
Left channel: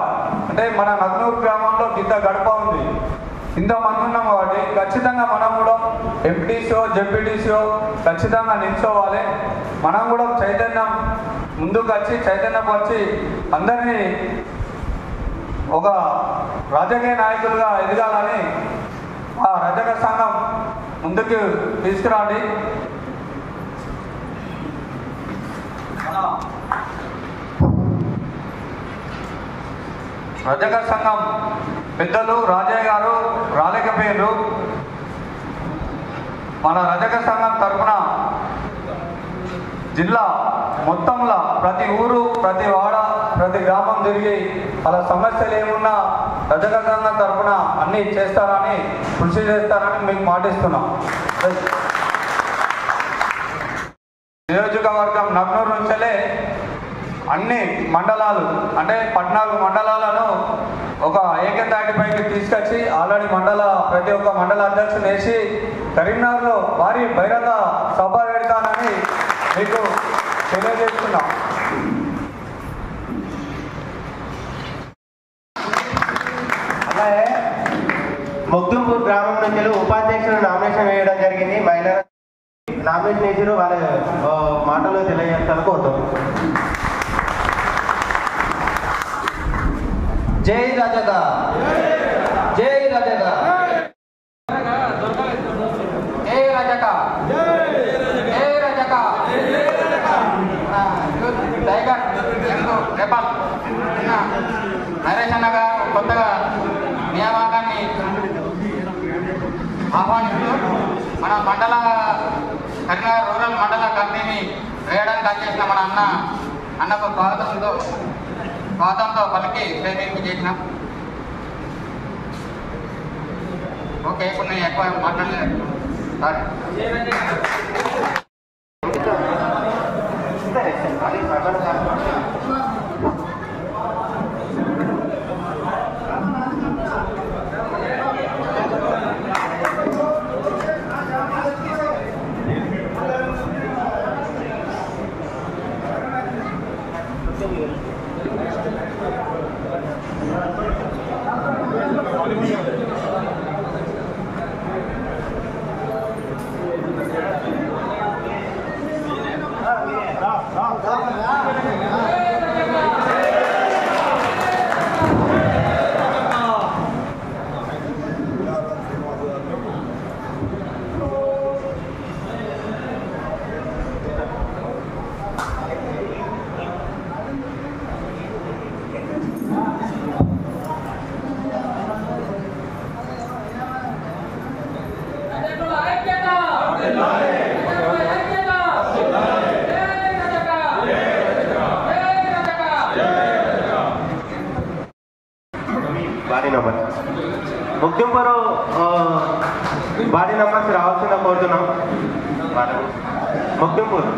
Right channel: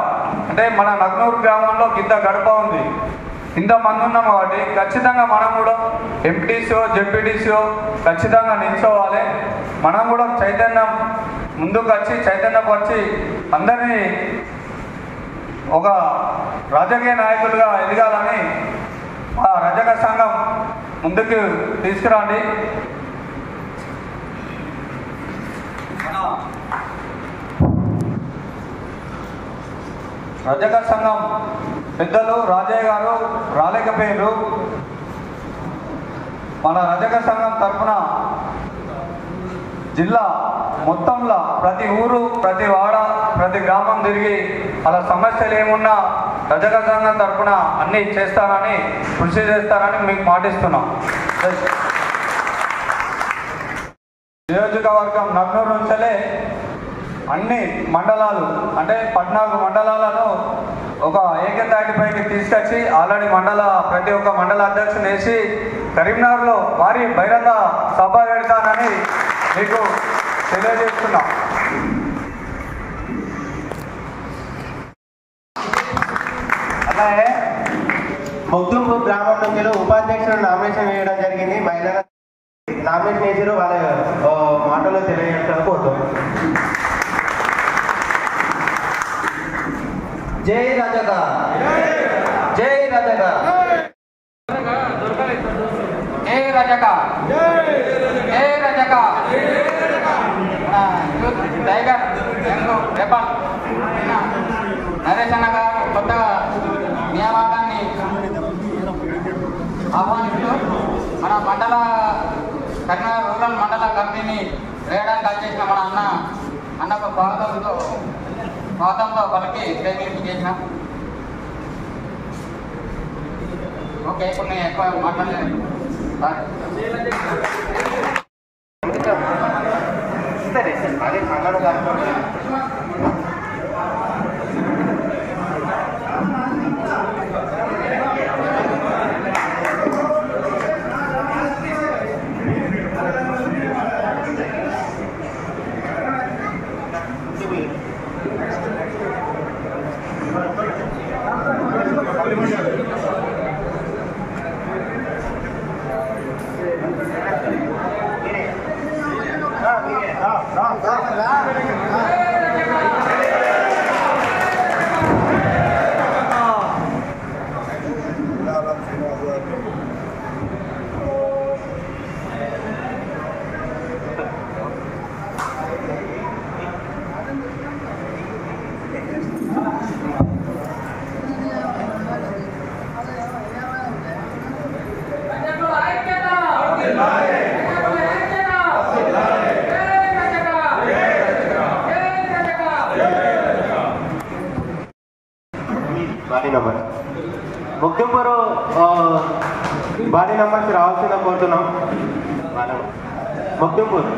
అంటే మన నగ్నూరు గ్రామంలో ఇంత గడప ఉంది, ఇంతమంది ఉన్నాం కాబట్టి ఖచ్చితంగా మనం కూడా ఎంపీటీసీఓ జెడ్పీటీసీఓ ఖచ్చితంగా నిల్చోవాలి. మనం కూడా చైతన్యం ముందుకు వచ్చి చైతన్యపరిచి అందరినీ ఒక రాజకీయ నాయకులుగా ఎదగాలని ఆ రజక సంఘం ముందుకు తీసుకురండి. రజక సంఘం పెద్దలు రాజయ్య గారు రాలేకపోయారు. మన రజక సంఘం తరఫున జిల్లా మొత్తంలో ప్రతి ఊరు, ప్రతి వాడ, ప్రతి గ్రామం తిరిగి అలా సమస్యలు ఏమున్నా రజక సంఘం తరఫున అన్నీ చేస్తామని, కృషి చేస్తామని మీకు మాటిస్తున్నాం. నియోజకవర్గం నగ్నూరు నుంచే అన్ని మండలాలు అంటే 14 మండలాలను ఒక ఏకతాటిపైకి తీసుకొచ్చి ఆల్రెడీ ప్రతి ఒక్క మండల అధ్యక్షులు వేసి కరీంనగర్లో భారీ బహిరంగ సభ పెడతానని మీకు తెలియజేస్తున్నాం. అలాగే మొగ్దుంపూర్ గ్రామం నుంచి ఉపాధ్యక్షులు నామినేషన్ వేయడం జరిగింది. మహిళా నామినేషన్ వేసారు, వాళ్ళ మాటలో తెలియజేస్తాను కోరుతున్నాం. జై రజక, జై రజక, జై రజక, జై రజక. టైగర్ రేపల్ నరేష్ అన్నగా కొత్తగా నియామకాన్ని ఆహ్వానిస్తూ మన మండల కరీంనగర్ రూరల్ మండల కమిటీని వేయడానికి వచ్చేసిన మన అన్నకు స్వాగతంతో పలికి ప్రేమింపు చేసిన. ఓకే, కొన్ని ఎక్కువ మాట్లాడలేదు. ముఖ్యంపరు బాడీ నెంబర్స్ రావాల్సిన కోరుతున్నాం. ముఖ్యంపూర్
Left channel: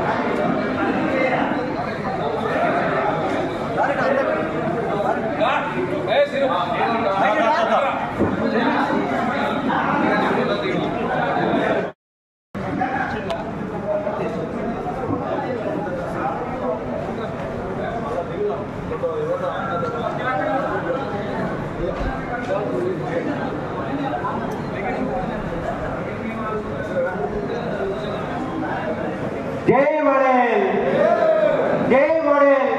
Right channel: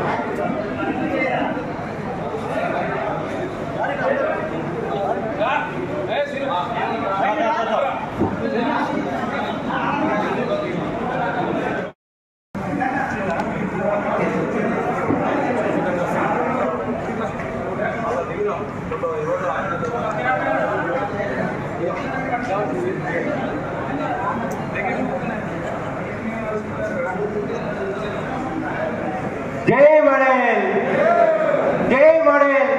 జై మడేల్, జై మడేల్.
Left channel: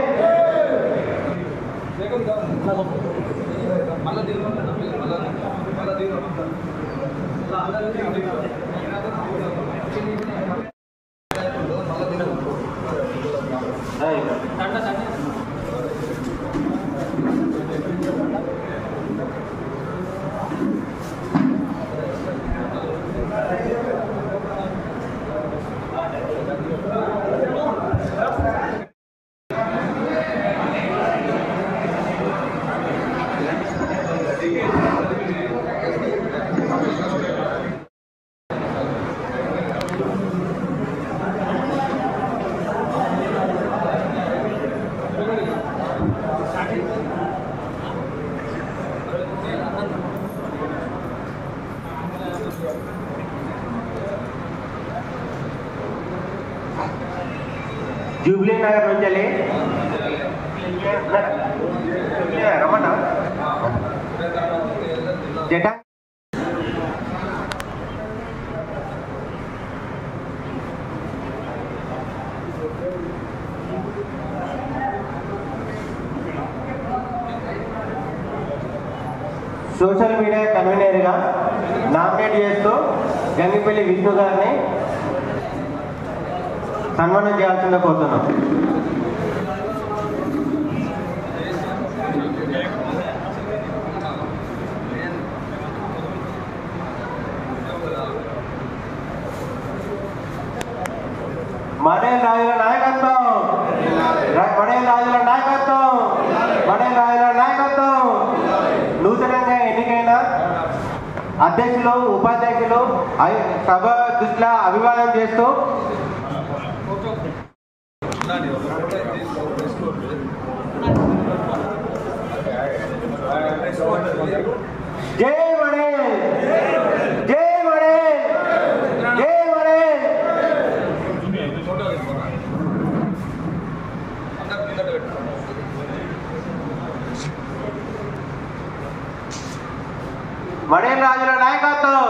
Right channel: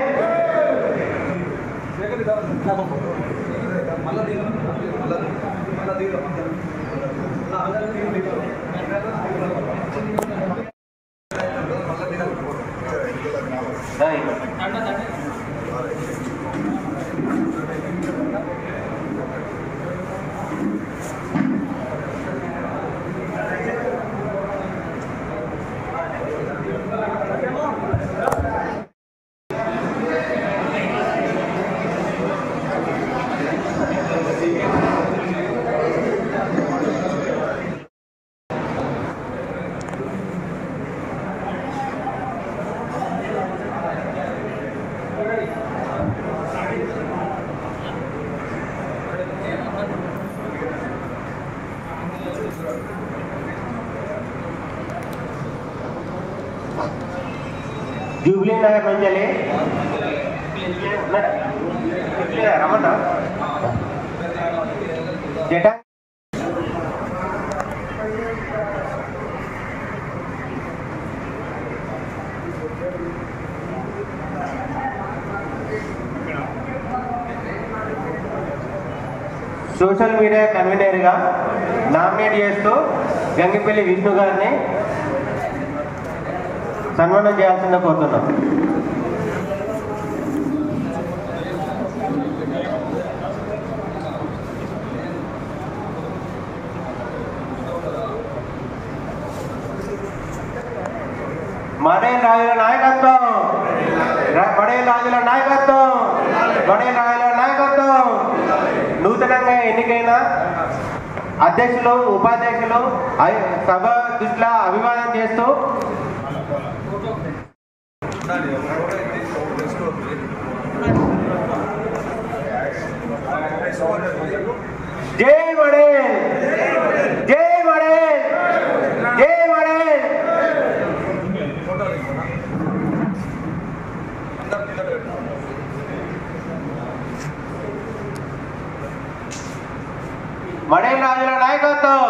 జూబ్లీ నగర్ నుంచి వెళ్ళి జట సోషల్ మీడియా కన్వీనర్గా నామినేట్ చేస్తూ గంగిపల్లి విష్ణు గారిని సన్మానం చేయాల్సిందిగా కోరుతున్నాం. మడే రాజుల నాయకత్వం, మడే రాజుల నాయకత్వం, మడే రాజుల నాయకత్వం. నూతనంగా ఎన్నికైన అధ్యక్షులు ఉపాధ్యక్షులు సభ దృష్టిలో అభివాదం చేస్తూ జై వడేల్, జై వడేల్, జై వడేల్. వడేల్ రాజుల నాయకత్వం,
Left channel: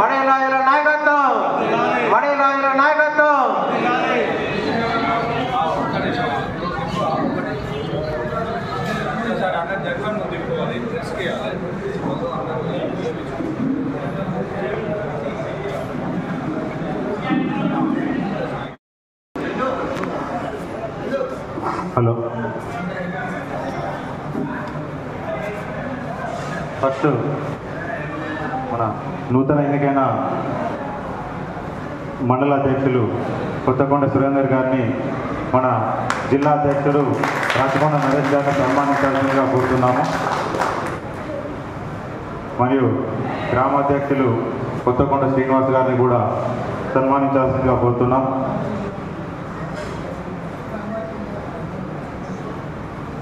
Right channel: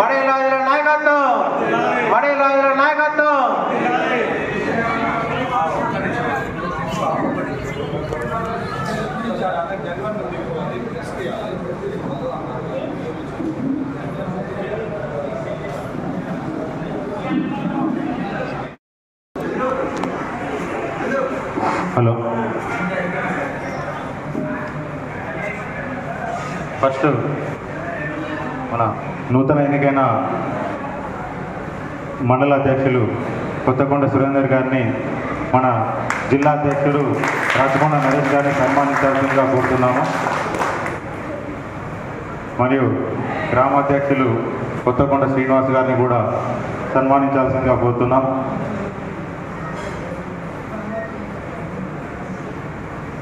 వడేల్ రాజుల నాయకత్వం, వడేల్ రాజుల నాయకత్వం. హలో, ఫస్ట్ మన నూతన ఎన్నికైన మండల అధ్యక్షులు కొత్తకొండ సురేందర్ గారిని మన జిల్లా అధ్యక్షులు రాచకొండ నరేష్ గారిని సన్మానించాల్సిందిగా కోరుతున్నాము. మరియు గ్రామాధ్యక్షులు కొత్తకొండ శ్రీనివాస్ గారిని కూడా సన్మానించాల్సిందిగా కోరుతున్నాం.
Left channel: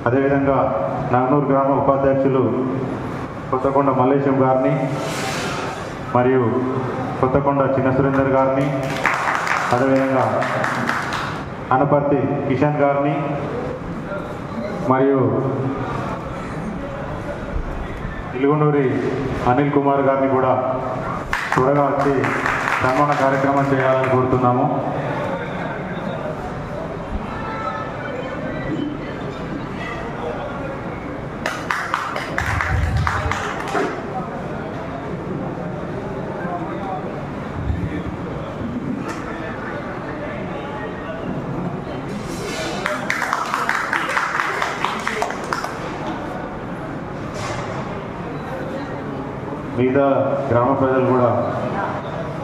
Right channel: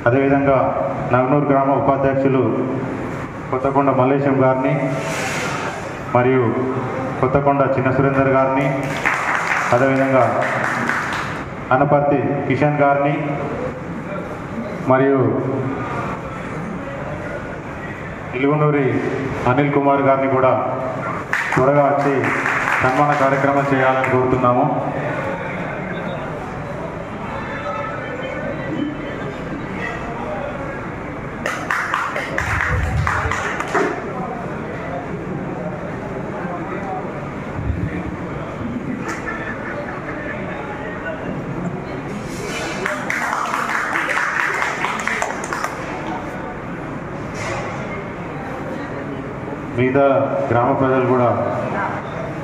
అదేవిధంగా నగనూరు గ్రామ ఉపాధ్యక్షులు కొత్తకొండ మల్లేశం గారిని మరియు కొత్తకొండ చిన్న సురేందర్ గారిని, అదేవిధంగా అనపర్తి కిషన్ గారిని మరియు ఇలుగునూరి అనిల్ కుమార్ గారిని కూడా త్వరగా వచ్చి సన్మాన కార్యక్రమం చేయాలని కోరుతున్నాము. మిగతా గ్రామ ప్రజలు కూడా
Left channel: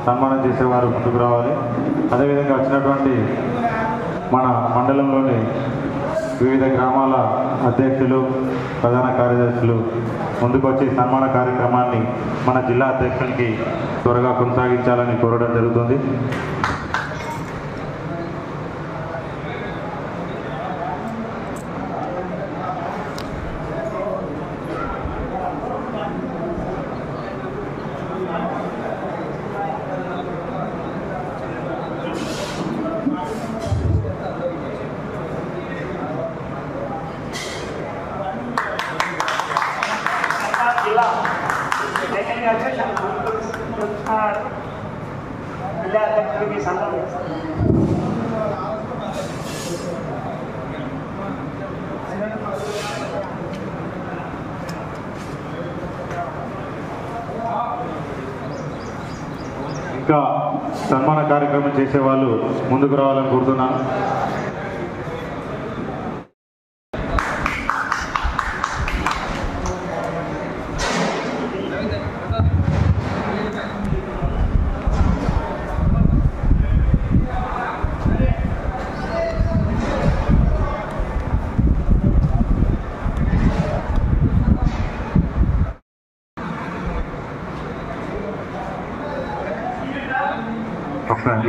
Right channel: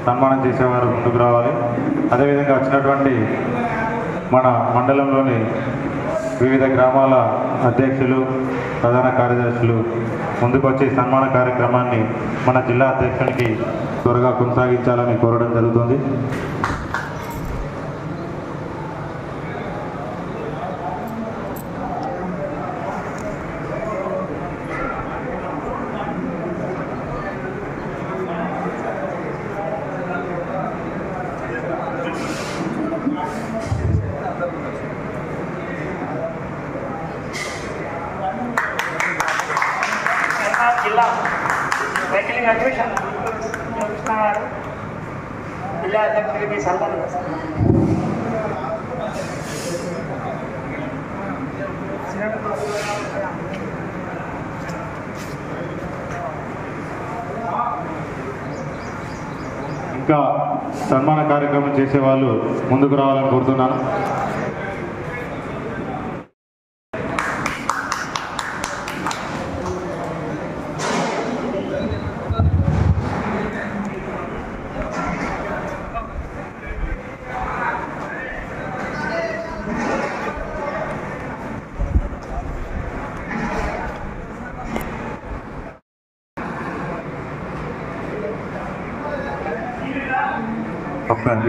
సన్మానం చేసేవారు ముందుకు రావాలి. అదేవిధంగా వచ్చినటువంటి మన మండలంలోని వివిధ గ్రామాల అధ్యక్షులు, ప్రధాన కార్యదర్శులు ముందుకు వచ్చి సన్మాన కార్యక్రమాన్ని మన జిల్లా అధ్యక్షునికి త్వరగా కొనసాగించాలని కోరడం జరుగుతుంది. జిల్లా అధ్యక్షుడికి ఇంకా సన్మాన కార్యక్రమం చేసే వాళ్ళు ముందుకు రావాలని కోరుతున్నాను.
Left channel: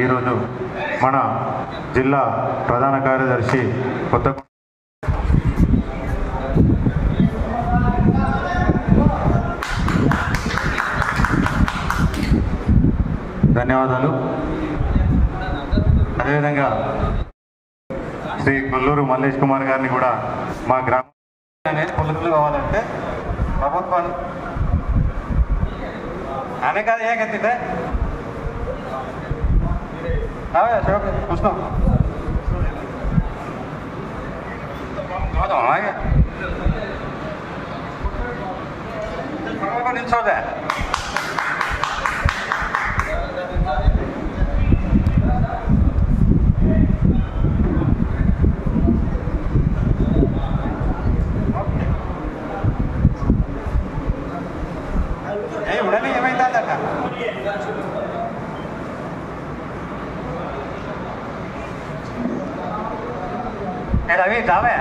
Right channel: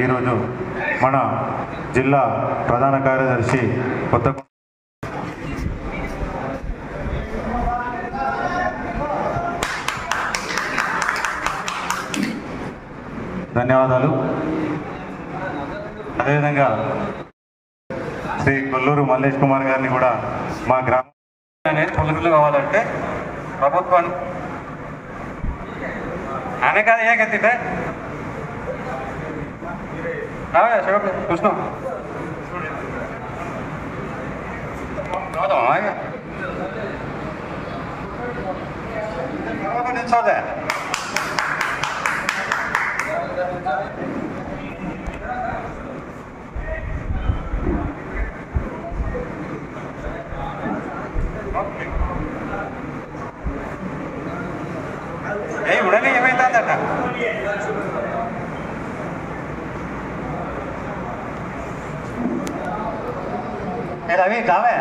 ఈరోజు మన జిల్లా ప్రధాన కార్యదర్శి ధన్యవాదాలు. అదేవిధంగా శ్రీ కొల్లూరు మల్లేష్ కుమార్ గారిని కూడా మా గ్రామం పొలికలు కావాలంటే ప్రభుత్వం ఆమె కాదు ఏకైతే కృష్ణ నిల్చోదా ఉడని ఏమైందట రవి కావా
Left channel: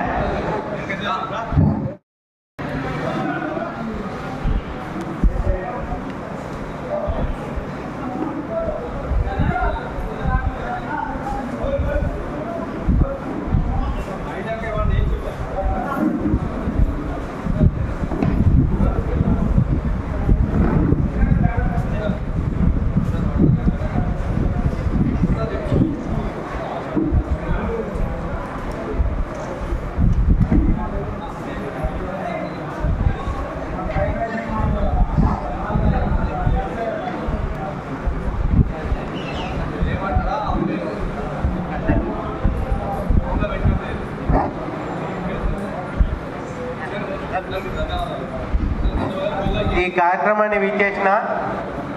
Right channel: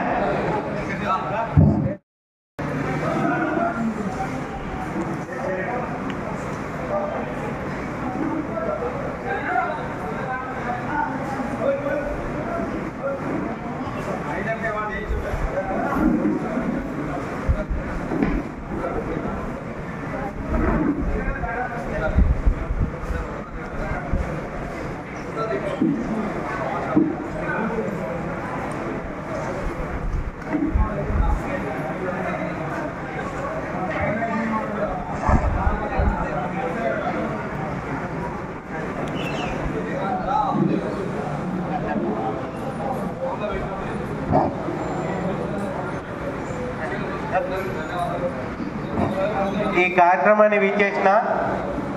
ఈ కార్యక్రమాన్ని వీక్షించిన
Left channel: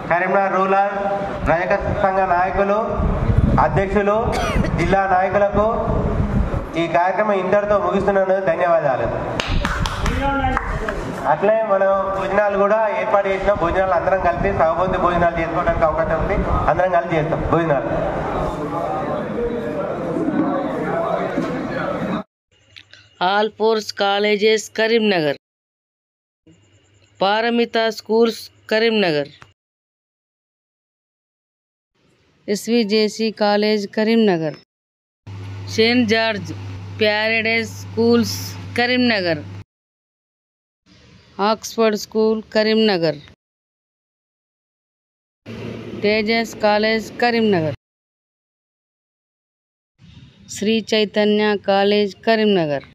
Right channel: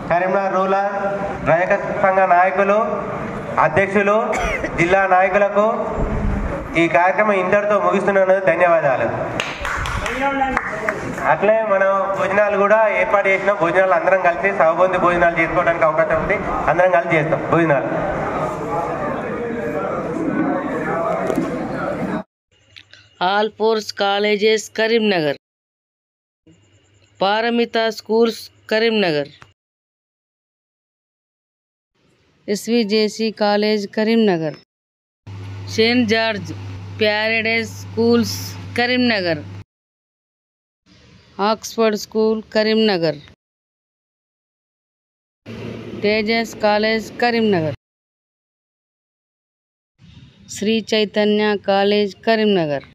కరీంనగర్ రూరల్ రజక సంఘ నాయకులు, అధ్యక్షులు, జిల్లా నాయకులకు ఈ కార్యక్రమం ఇంతటితో ముగిస్తున్నాను. ధన్యవాదాలు. అట్లే మనం భోజనాలు కూడా ఏర్పాటు చేసినాం. భోజనాలు అందరం కలిసి సహబోధి భోజనాలు చేసుకోవడానికి అవకాశం ఉంది. అందరం కలిసి చేస్తాం భోజనాలు. Alphores colleges Karimnagar, Paramita schools Karimnagar, SVJC college Karimnagar, Saint George Paradise schools Karimnagar, Oxford school Karimnagar, Tejas college Karimnagar, Sri Chaitanya college Karimnagar,